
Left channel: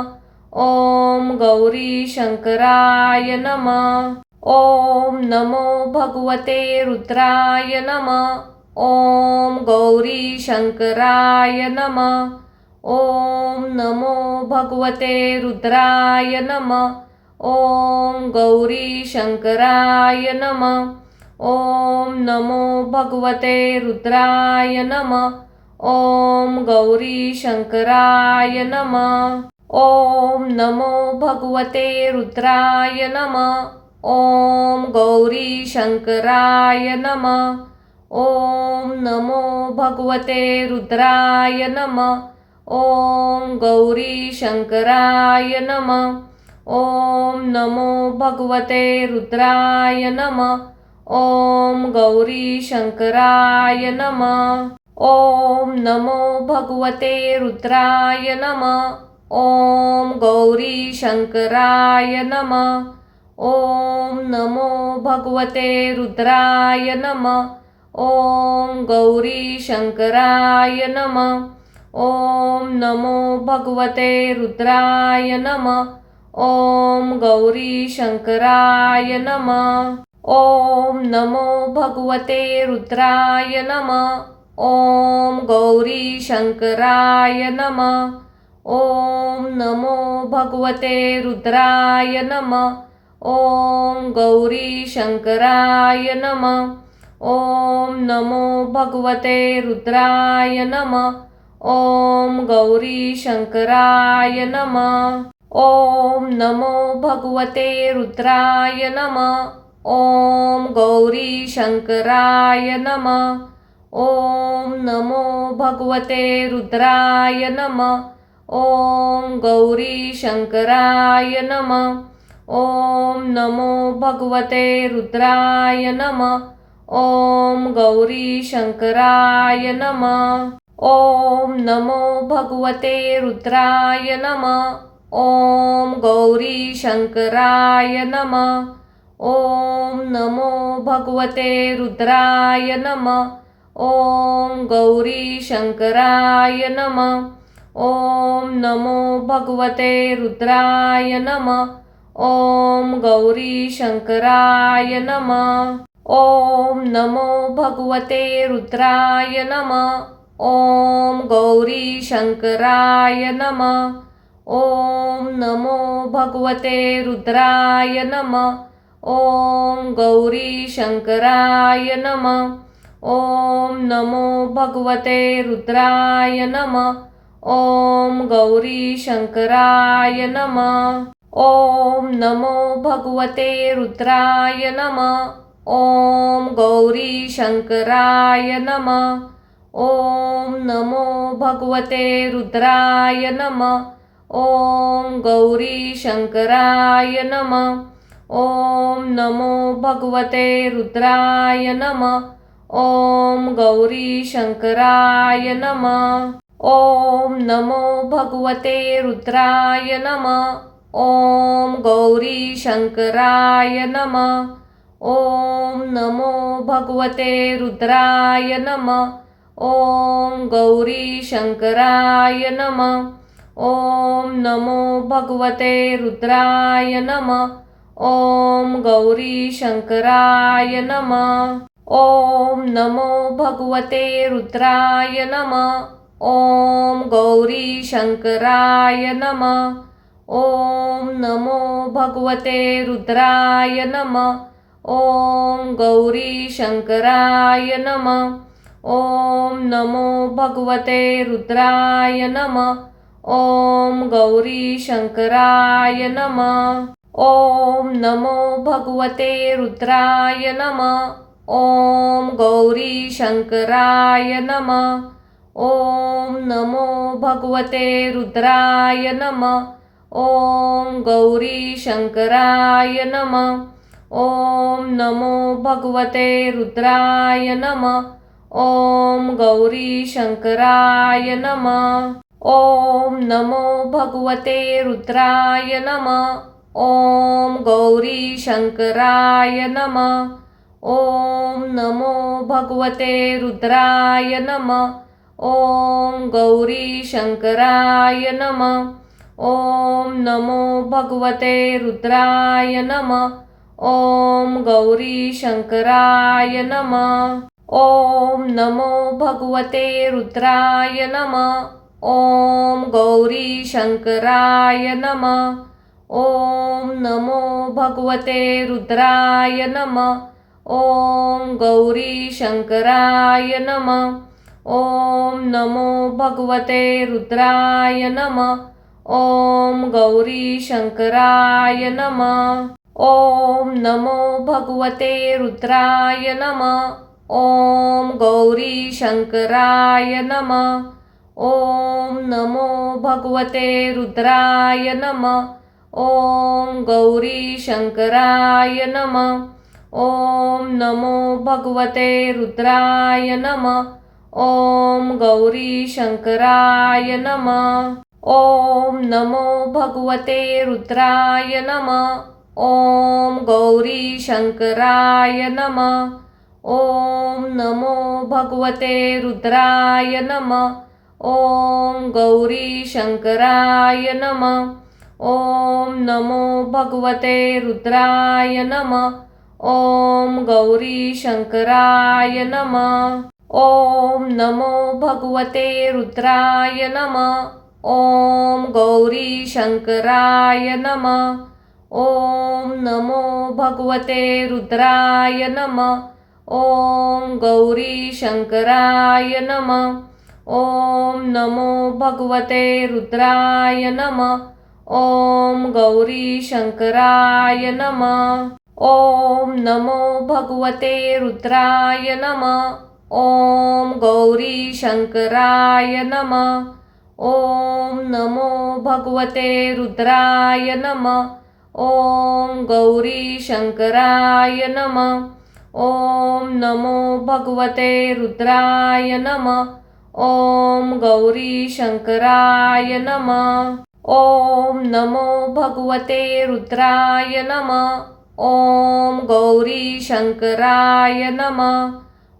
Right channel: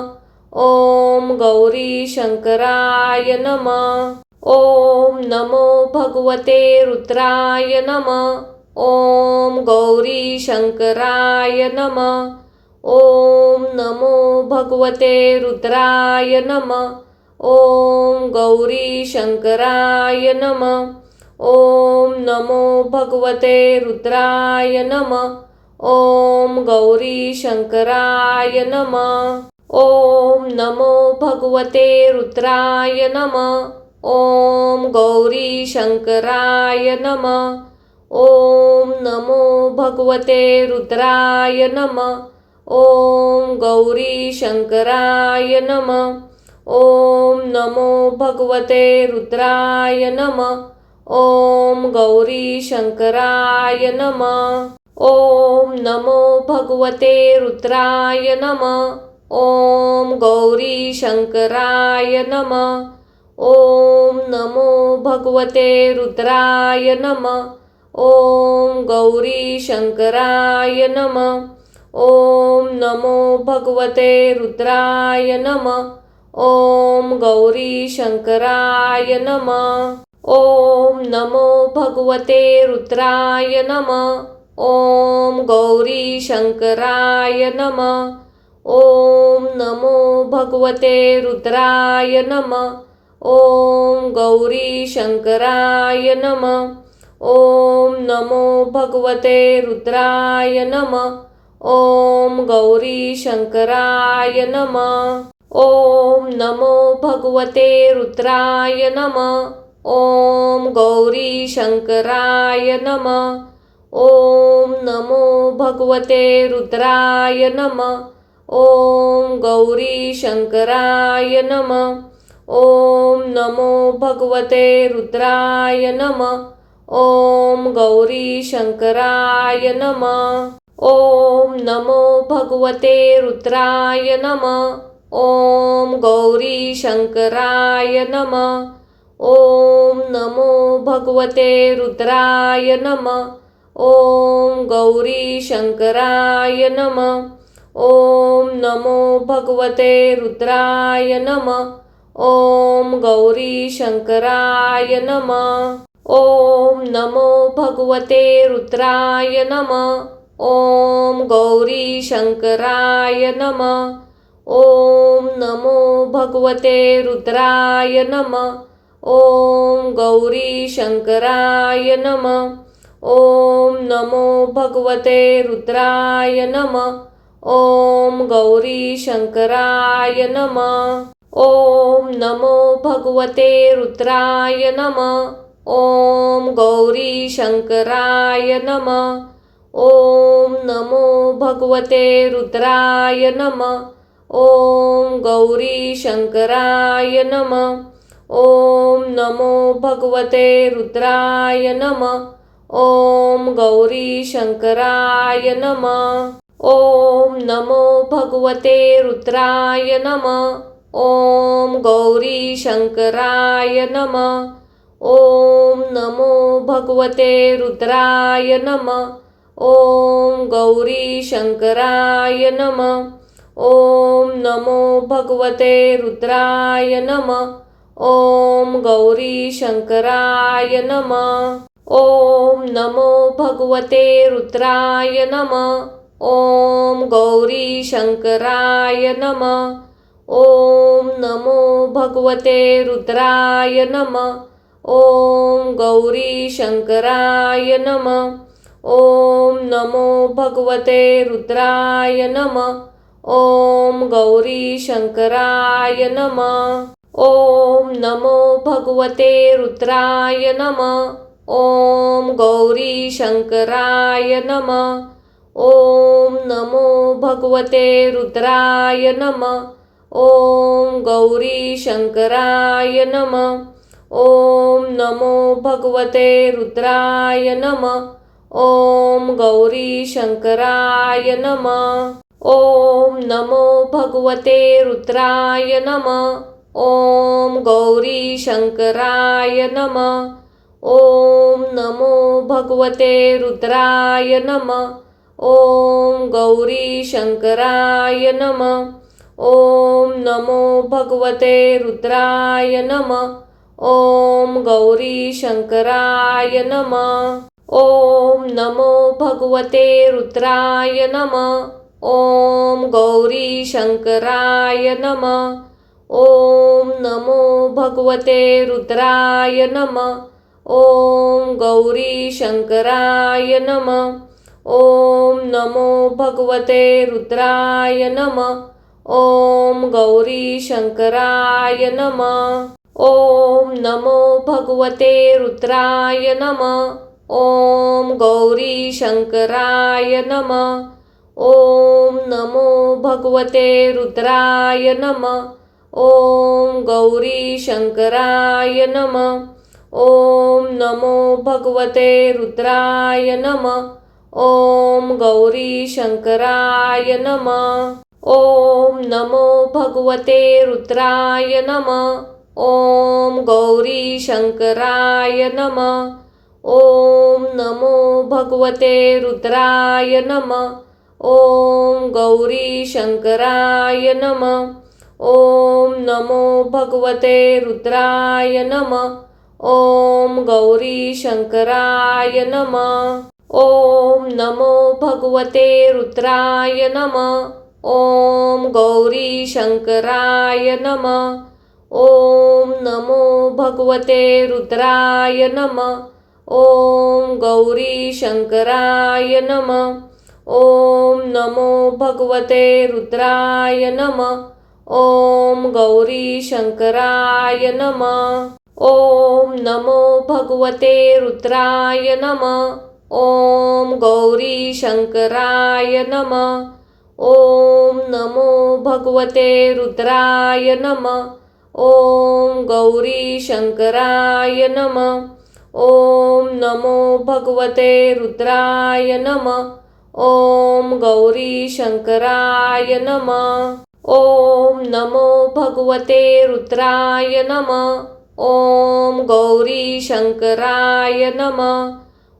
ॐ गौरी शंकराय नमः। ॐ नमो भगवते रुद्राय नमः। ॐ गौरी शंकराय नमः। ॐ नमो भगवते रुद्राय नमः। ॐ गौरी शंकराय नमः। ॐ नमो भगवते रुद्राय नमः। ॐ गौरी शंकराय नमः। ॐ नमो भगवते रुद्राय नमः। ॐ गौरी शंकराय नमः। ॐ नमो भगवते रुद्राय नमः। ॐ गौरी शंकराय नमः। ॐ नमो भगवते रुद्राय नमः। ॐ गौरी शंकराय नमः। ॐ नमो भगवते रुद्राय नमः। ॐ गौरी शंकराय नमः। ॐ नमो भगवते रुद्राय नमः। ॐ गौरी शंकराय नमः। ॐ नमो भगवते रुद्राय नमः। ॐ गौरी शंकराय नमः। ॐ नमो भगवते रुद्राय नमः। ॐ गौरी शंकराय नमः। ॐ नमो भगवते रुद्राय नमः। ॐ गौरी शंकराय नमः। ॐ नमो भगवते रुद्राय नमः। ॐ गौरी शंकराय नमः। ॐ नमो भगवते रुद्राय नमः। ॐ गौरी शंकराय नमः। ॐ नमो भगवते रुद्राय नमः। ॐ गौरी शंकराय नमः। ॐ नमो भगवते रुद्राय नमः। ॐ गौरी शंकराय नमः। ॐ नमो भगवते रुद्राय नमः। ॐ गौरी शंकराय नमः। ॐ नमो भगवते रुद्राय नमः। ॐ गौरी शंकराय नमः। ॐ नमो भगवते रुद्राय नमः। ॐ गौरी शंकराय नमः। ॐ नमो भगवते रुद्राय नमः। ॐ गौरी शंकराय नमः। ॐ नमो भगवते रुद्राय नमः। ॐ गौरी शंकराय नमः। ॐ नमो भगवते रुद्राय नमः। ॐ गौरी शंकराय नमः। ॐ नमो भगवते रुद्राय नमः। ॐ गौरी शंकराय नमः। ॐ नमो भगवते रुद्राय नमः। ॐ गौरी शंकराय नमः। ॐ नमो भगवते रुद्राय नमः। ॐ गौरी शंकराय नमः। ॐ नमो भगवते रुद्राय नमः। ॐ गौरी शंकराय नमः। ॐ नमो भगवते रुद्राय नमः। ॐ गौरी शंकराय नमः। ॐ नमो भगवते रुद्राय नमः। ॐ गौरी शंकराय नमः। ॐ नमो भगवते रुद्राय नमः। ॐ गौरी शंकराय नमः। ॐ नमो भगवते रुद्राय नमः। ॐ गौरी शंकराय नमः। ॐ नमो भगवते रुद्राय नमः। ॐ गौरी शंकराय नमः। ॐ नमो भगवते रुद्राय नमः। ॐ गौरीशङ्कराय नमः। ॐ नमो भगवते रुद्राय नमः। ॐ गौरीशङ्कराय नमः। ॐ नमो भगवते रुद्राय नमः। ॐ गौरीशङ्कराय नमः। ॐ नमो भगवते रुद्राय नमः। ॐ गौरीशङ्कराय नमः। ॐ नमो भगवते रुद्राय नमः। ॐ गौरीशङ्कराय नमः। ॐ नमो भगवते रुद्राय नमः। ॐ गौरीशङ्कराय नमः। ॐ नमो भगवते रुद्राय नमः। ॐ गौरीशङ्कराय नमः। ॐ नमो भगवते रुद्राय नमः। ॐ गौरीशङ्कराय नमः। ॐ नमो भगवते रुद्राय नमः। ॐ गौरीशङ्कराय नमः। ॐ नमो भगवते रुद्राय नमः। ॐ गौरीशङ्कराय नमः। ॐ नमो भगवते रुद्राय नमः। ॐ गौरीशङ्कराय नमः। ॐ नमो भगवते रुद्राय नमः। ॐ गौरीशङ्कराय नमः। ॐ नमो भगवते रुद्राय नमः। ॐ गौरीशङ्कराय नमः। ॐ नमो भगवते रुद्राय नमः। ॐ गौरीशङ्कराय नमः। ॐ नमो भगवते रुद्राय नमः। ॐ गौरीशङ्कराय नमः। ॐ नमो भगवते रुद्राय नमः। ॐ गौरीशङ्कराय नमः। ॐ नमो भगवते रुद्राय नमः। ॐ गौरीशङ्कराय नमः। ॐ नमो भगवते रुद्राय नमः। ॐ गौरीशङ्कराय नमः। ॐ नमो भगवते रुद्राय नमः। ॐ गौरीशङ्कराय नमः। ॐ नमो भगवते रुद्राय नमः। ॐ गौरीशङ्कराय नमः। ॐ नमो भगवते रुद्राय नमः। ॐ गौरीशङ्कराय नमः। ॐ नमो भगवते रुद्राय नमः। ॐ गौरीशङ्कराय नमः।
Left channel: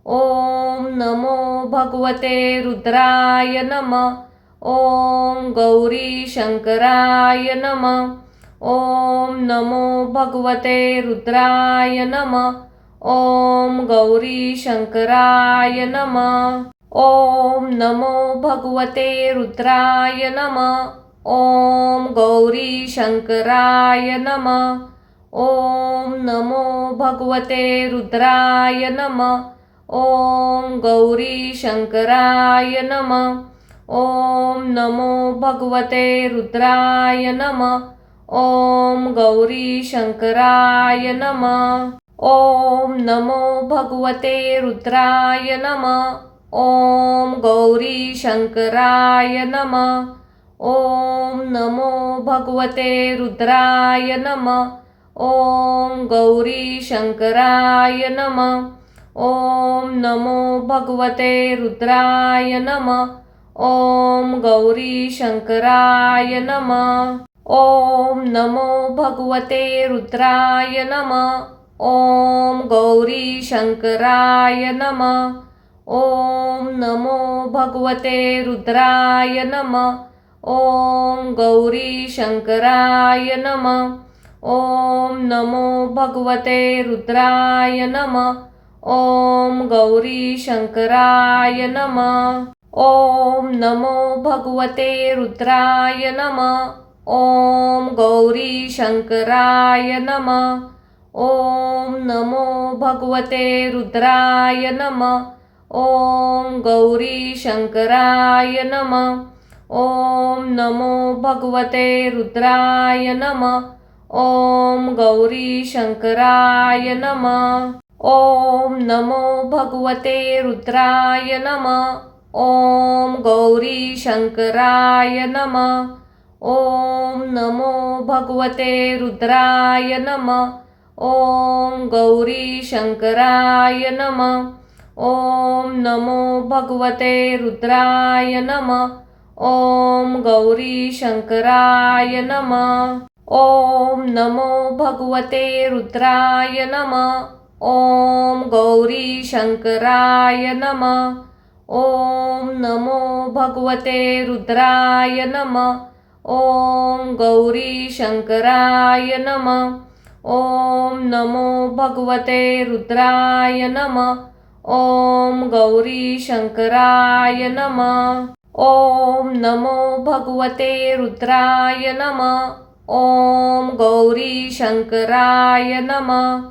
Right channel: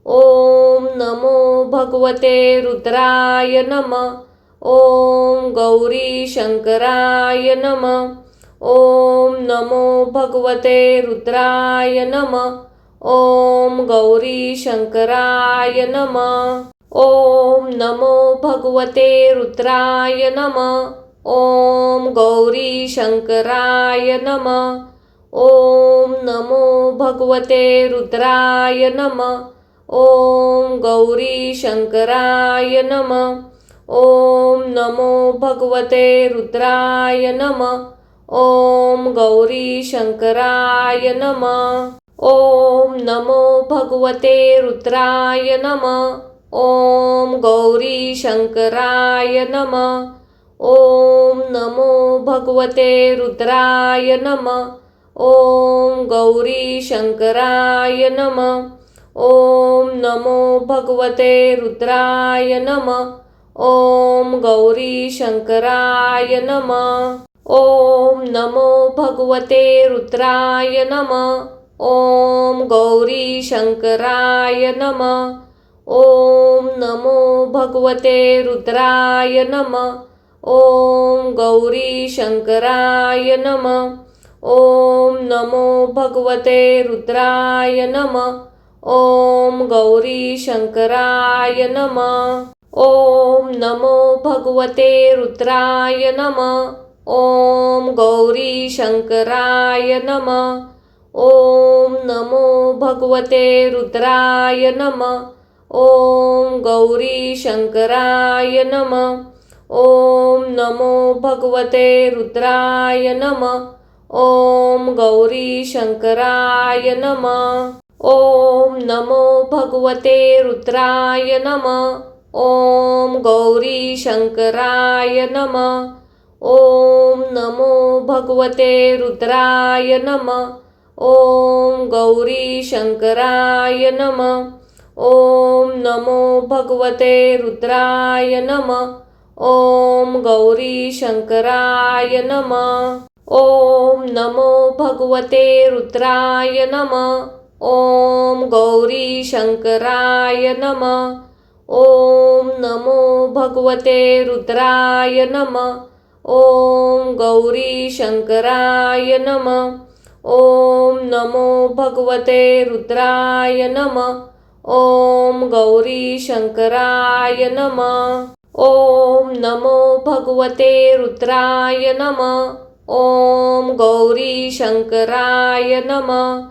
ॐ नमो भगवते रुद्राय नमः। ॐ गौरीशङ्कराय नमः। ॐ नमो भगवते रुद्राय नमः। ॐ गौरीशङ्कराय नमः। ॐ नमो भगवते रुद्राय नमः। ॐ गौरीशङ्कराय नमः। ॐ नमो भगवते रुद्राय नमः। ॐ गौरीशङ्कराय नमः। ॐ नमो भगवते रुद्राय नमः। ॐ गौरीशङ्कराय नमः। ॐ नमो भगवते रुद्राय नमः। ॐ गौरीशङ्कराय नमः। ॐ नमो भगवते रुद्राय नमः। ॐ गौरीशङ्कराय नमः। ॐ नमो भगवते रुद्राय नमः। ॐ गौरीशङ्कराय नमः। ॐ नमो भगवते रुद्राय नमः। ॐ गौरीशङ्कराय नमः। ॐ नमो भगवते रुद्राय नमः। ॐ गौरीशङ्कराय नमः। ॐ नमो भगवते रुद्राय नमः। ॐ गौरीशङ्कराय नमः। ॐ नमो भगवते रुद्राय नमः। ॐ गौरीशङ्कराय नमः। ॐ नमो भगवते रुद्राय नमः। ॐ गौरीशङ्कराय नमः। ॐ नमो भगवते रुद्राय नमः। ॐ गौरीशङ्कराय नमः। ओम नमो भगवते रुद्राय नमः। ओम गौरी शंकराय नमः। ओम नमो भगवते रुद्राय नमः। ओम गौरी शंकराय नमः। ओम नमो भगवते रुद्राय नमः। ओम गौरी शंकराय नमः। ओम नमो भगवते रुद्राय नमः। ओम गौरी शंकराय नमः। ओम नमो भगवते रुद्राय नमः। ओम गौरी शंकराय नमः। ओम नमो भगवते रुद्राय नमः। ओम गौरी शंकराय नमः। ओम नमो भगवते रुद्राय नमः। ओम गौरी शंकराय नमः।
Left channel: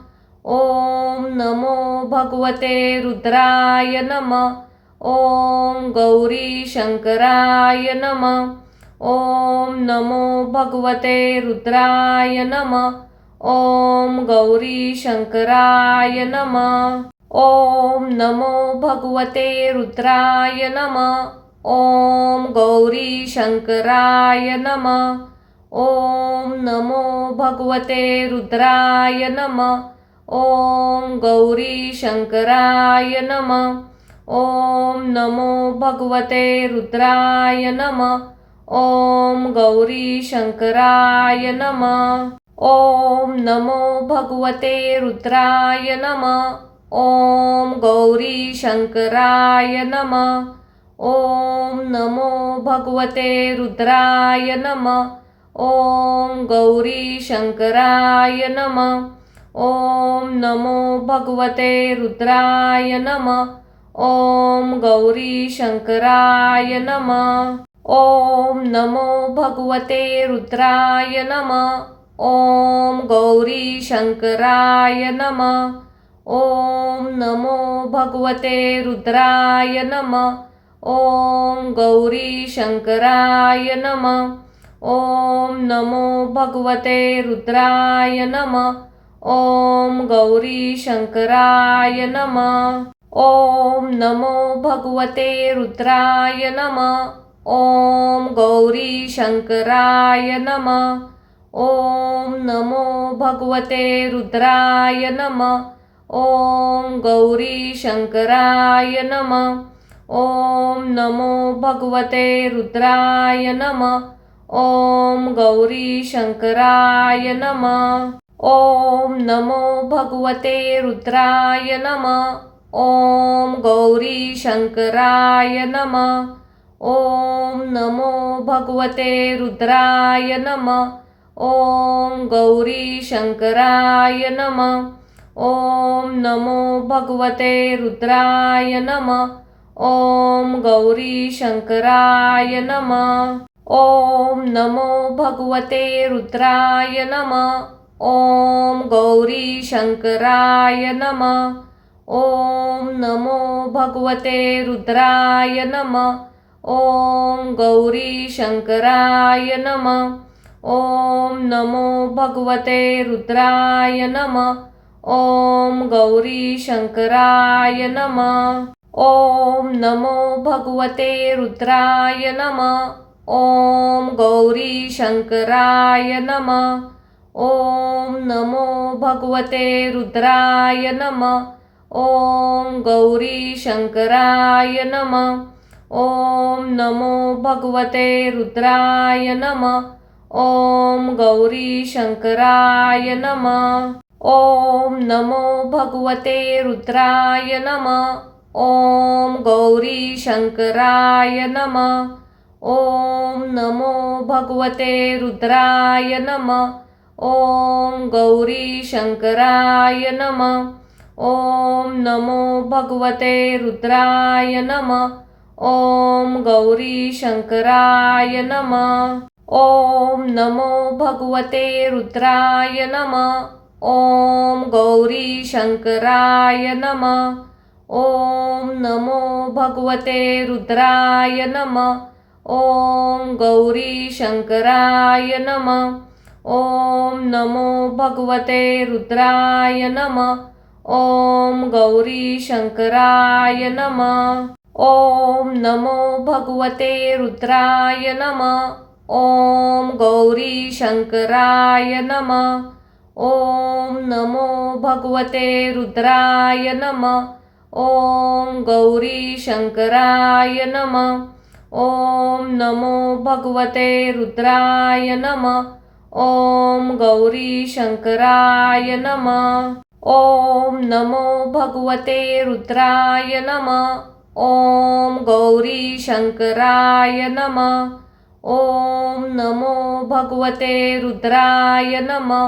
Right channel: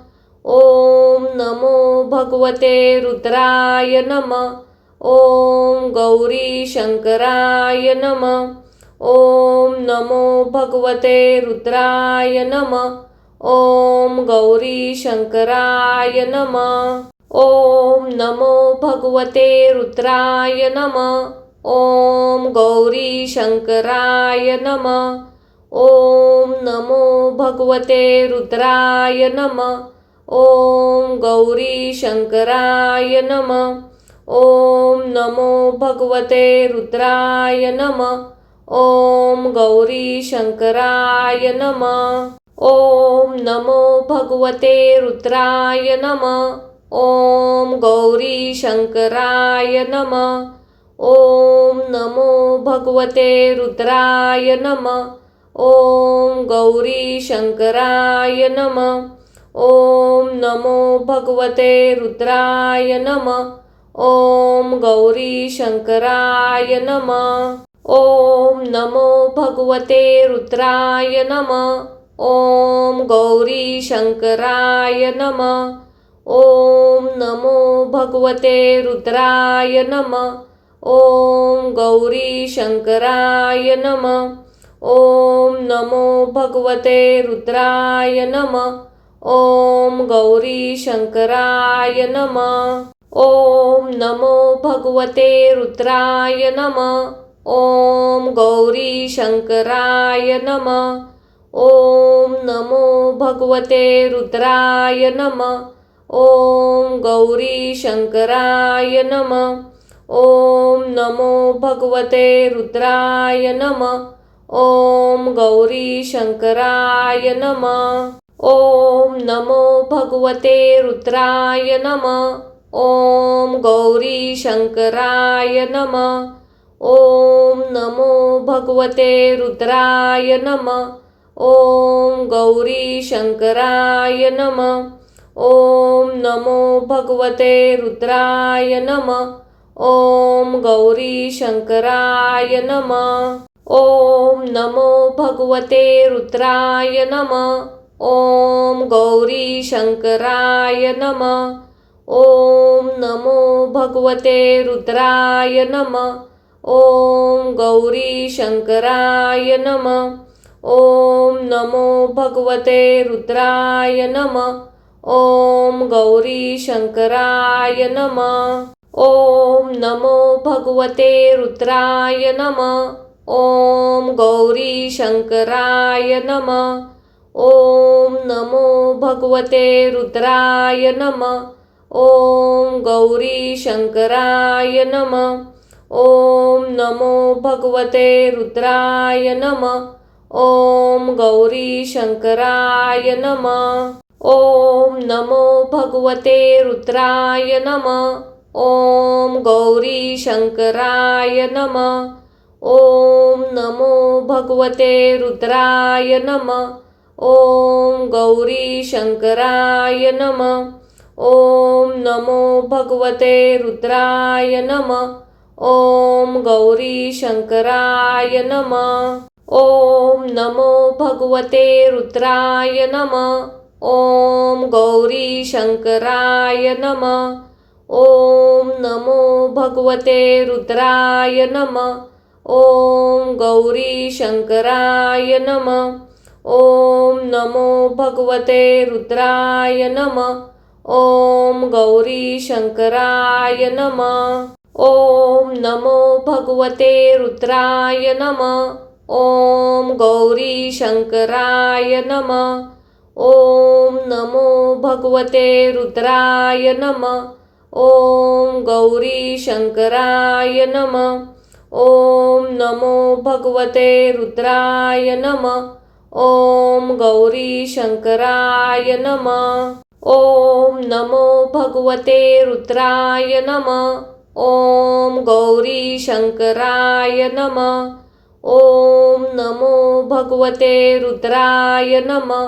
ओम नमो भगवते रुद्राय नमः। ओम गौरी शंकराय नमः। ओम नमो भगवते रुद्राय नमः। ओम गौरी शंकराय नमः। ओम नमो भगवते रुद्राय नमः। ओम गौरी शंकराय नमः। ओम नमो भगवते रुद्राय नमः। ओम गौरी शंकराय नमः। ओम नमो भगवते रुद्राय नमः। ओम गौरी शंकराय नमः। ओम नमो भगवते रुद्राय नमः। ओम गौरी शंकराय नमः। ओम नमो भगवते रुद्राय नमः। ओम गौरी शंकराय नमः। ओम नमो भगवते रुद्राय नमः। ओम गौरी शंकराय नमः। ओम नमो भगवते रुद्राय नमः। ओम गौरी शंकराय नमः। ओम नमो भगवते रुद्राय नमः। ओम गौरी शंकराय नमः। ओम नमो भगवते रुद्राय नमः। ओम गौरी शंकराय नमः। ओम नमो भगवते रुद्राय नमः। ओम गौरी शंकराय नमः। ओम नमो भगवते रुद्राय नमः। ओम गौरी शंकराय नमः। ओम नमो भगवते रुद्राय नमः। ओम गौरी शंकराय नमः। ओम नमो भगवते रुद्राय नमः। ओम गौरी शंकराय नमः। ओम नमो भगवते रुद्राय नमः। ओम गौरी शंकराय नमः। ओम नमो भगवते रुद्राय नमः। ओम गौरी शंकराय नमः। ओम नमो भगवते रुद्राय नमः। ओम गौरी शंकराय नमः। ओम नमो भगवते रुद्राय नमः। ओम गौरी शंकराय नमः। ओम नमो भगवते रुद्राय नमः। ओम गौरी शंकराय नमः। ओम नमो भगवते रुद्राय नमः। ओम गौरी शंकराय नमः। ओम नमो भगवते रुद्राय नमः। ओम गौरी शंकराय नमः। ओम नमो भगवते रुद्राय नमः। ओम गौरी शंकराय नमः। ओम नमो भगवते रुद्राय नमः। ओम गौरी शंकराय नमः। ओम नमो भगवते रुद्राय नमः। ओम गौरी शंकराय नमः। ओम नमो भगवते रुद्राय नमः। ओम गौरी शंकराय नमः। ओम नमो भगवते रुद्राय नमः। ओम गौरी शंकराय नमः। ओम नमो भगवते रुद्राय नमः। ओम गौरी शंकराय नमः। ओम नमो भगवते रुद्राय नमः। ॐ गौरी शंकराय नमः। ॐ नमो भगवते रुद्राय नमः। ॐ गौरी शंकराय नमः। ॐ नमो भगवते रुद्राय नमः। ॐ गौरी शंकराय नमः। ॐ नमो भगवते रुद्राय नमः। ॐ गौरी शंकराय नमः। ॐ नमो भगवते रुद्राय नमः। ॐ गौरी शंकराय नमः। ॐ नमो भगवते रुद्राय नमः।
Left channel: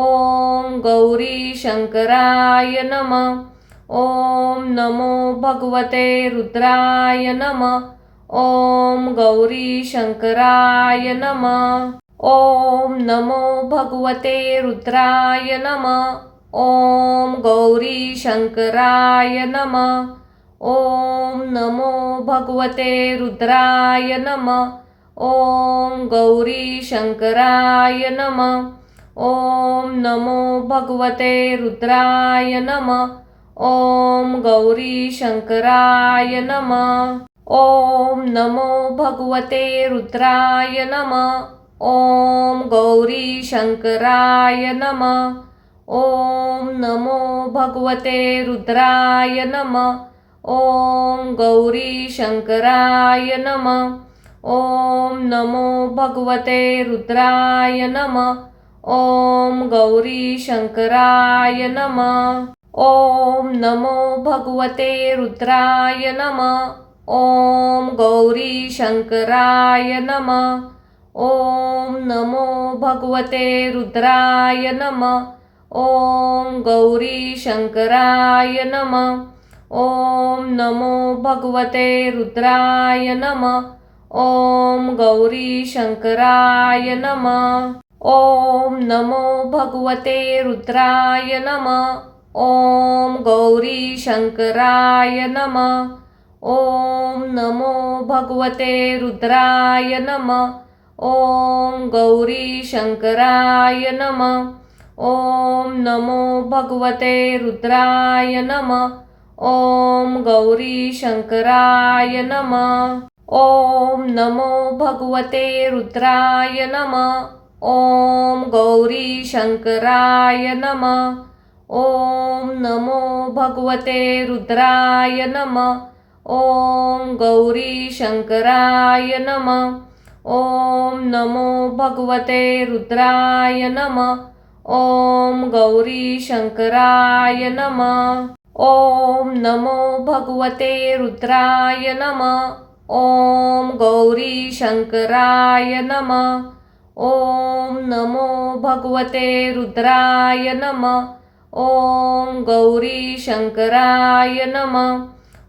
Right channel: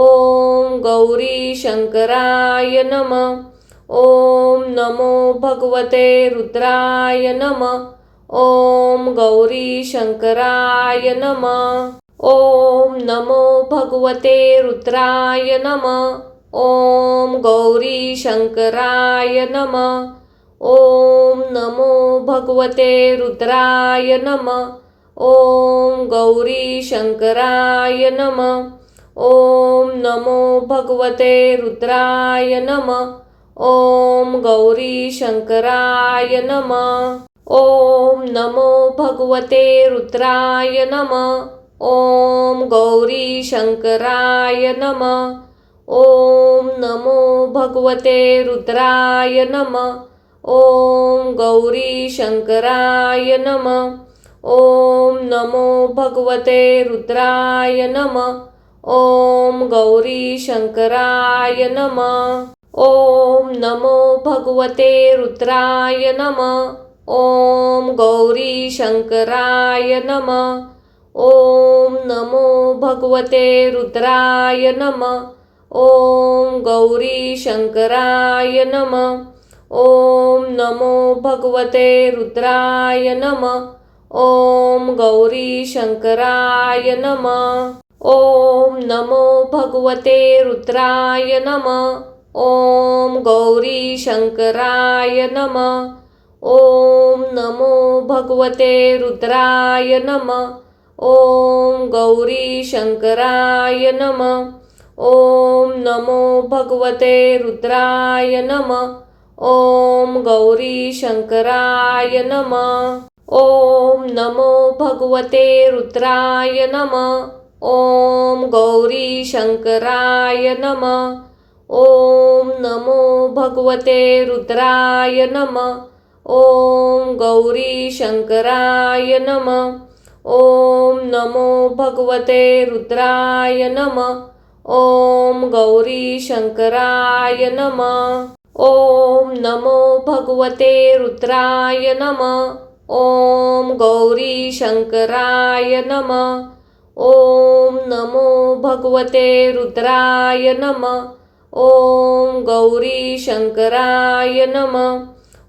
ॐ गौरी शंकराय नमः। ॐ नमो भगवते रुद्राय नमः। ॐ गौरी शंकराय नमः। ॐ नमो भगवते रुद्राय नमः। ॐ गौरी शंकराय नमः। ॐ नमो भगवते रुद्राय नमः। ॐ गौरी शंकराय नमः। ॐ नमो भगवते रुद्राय नमः। ॐ गौरी शंकराय नमः। ॐ नमो भगवते रुद्राय नमः। ॐ गौरी शंकराय नमः। ॐ नमो भगवते रुद्राय नमः। ॐ गौरी शंकराय नमः। ॐ नमो भगवते रुद्राय नमः। ॐ गौरी शंकराय नमः। ॐ नमो भगवते रुद्राय नमः। ॐ गौरी शंकराय नमः। ॐ नमो भगवते रुद्राय नमः। ॐ गौरी शंकराय नमः। ॐ नमो भगवते रुद्राय नमः। ॐ गौरी शंकराय नमः। ॐ नमो भगवते रुद्राय नमः। ॐ गौरी शंकराय नमः। ॐ नमो भगवते रुद्राय नमः। ॐ गौरी शंकराय नमः। ॐ नमो भगवते रुद्राय नमः। ॐ गौरी शंकराय नमः। ॐ नमो भगवते रुद्राय नमः। ॐ गौरी शंकराय नमः। ॐ नमो भगवते रुद्राय नमः। ॐ गौरी शंकराय नमः। ॐ नमो भगवते रुद्राय नमः। ॐ गौरी शंकराय नमः। ॐ नमो भगवते रुद्राय नमः। ॐ गौरी शंकराय नमः। ॐ नमो भगवते रुद्राय नमः। ॐ गौरी शंकराय नमः।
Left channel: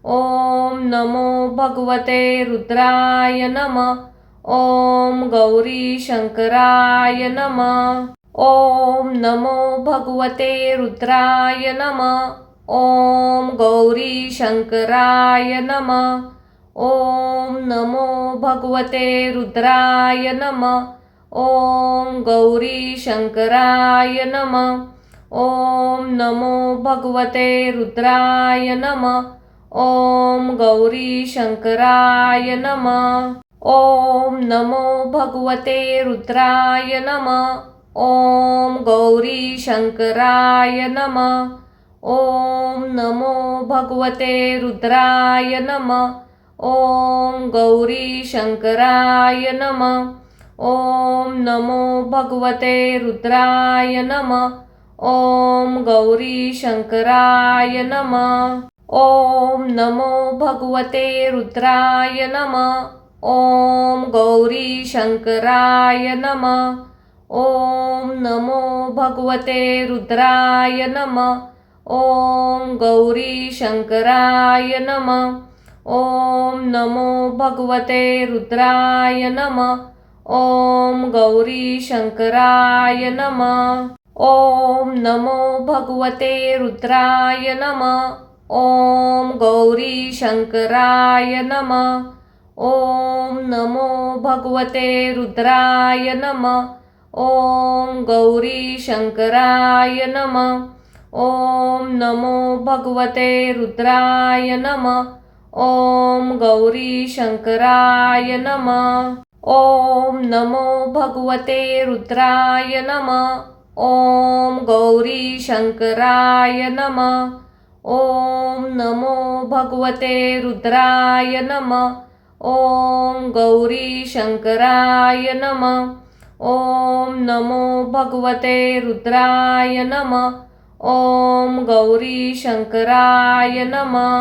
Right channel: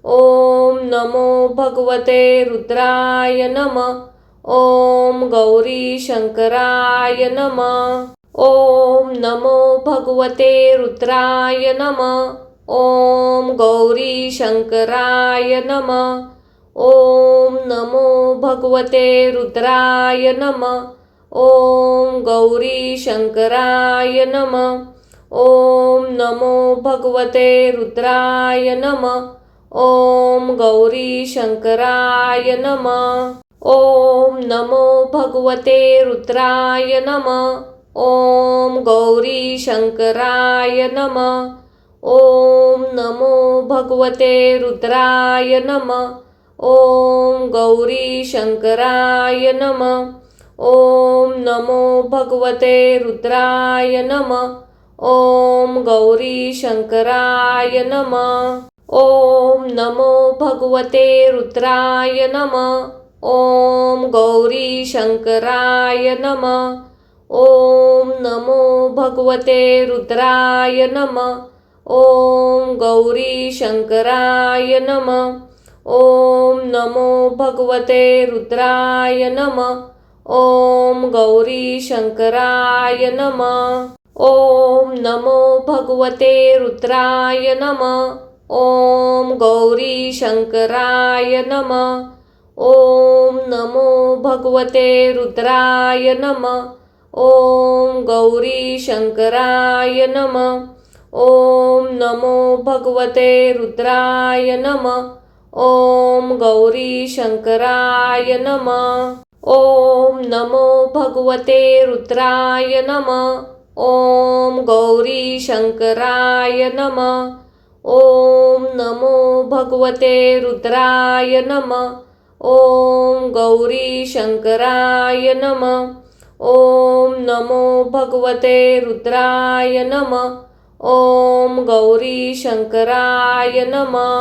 ॐ नमो भगवते रुद्राय नमः। ॐ गौरी शंकराय नमः। ॐ नमो भगवते रुद्राय नमः। ॐ गौरी शंकराय नमः। ॐ नमो भगवते रुद्राय नमः। ॐ गौरी शंकराय नमः। ॐ नमो भगवते रुद्राय नमः। ॐ गौरी शंकराय नमः। ॐ नमो भगवते रुद्राय नमः। ॐ गौरी शंकराय नमः। ॐ नमो भगवते रुद्राय नमः। ॐ गौरी शंकराय नमः। ॐ नमो भगवते रुद्राय नमः। ॐ गौरी शंकराय नमः। ॐ नमो भगवते रुद्राय नमः। ॐ गौरी शंकराय नमः। ॐ नमो भगवते रुद्राय नमः। ॐ गौरी शंकराय नमः। ॐ नमो भगवते रुद्राय नमः। ॐ गौरी शंकराय नमः। ॐ नमो भगवते रुद्राय नमः। ॐ गौरी शंकराय नमः। ॐ नमो भगवते रुद्राय नमः। ॐ गौरी शंकराय नमः। ॐ नमो भगवते रुद्राय नमः। ॐ गौरी शंकराय नमः। ॐ नमो भगवते रुद्राय नमः। ॐ गौरी शंकराय नमः। ॐ नमो भगवते रुद्राय नमः। ॐ गौरी शंकराय नमः। ॐ नमो भगवते रुद्राय नमः। ॐ गौरी शंकराय नमः।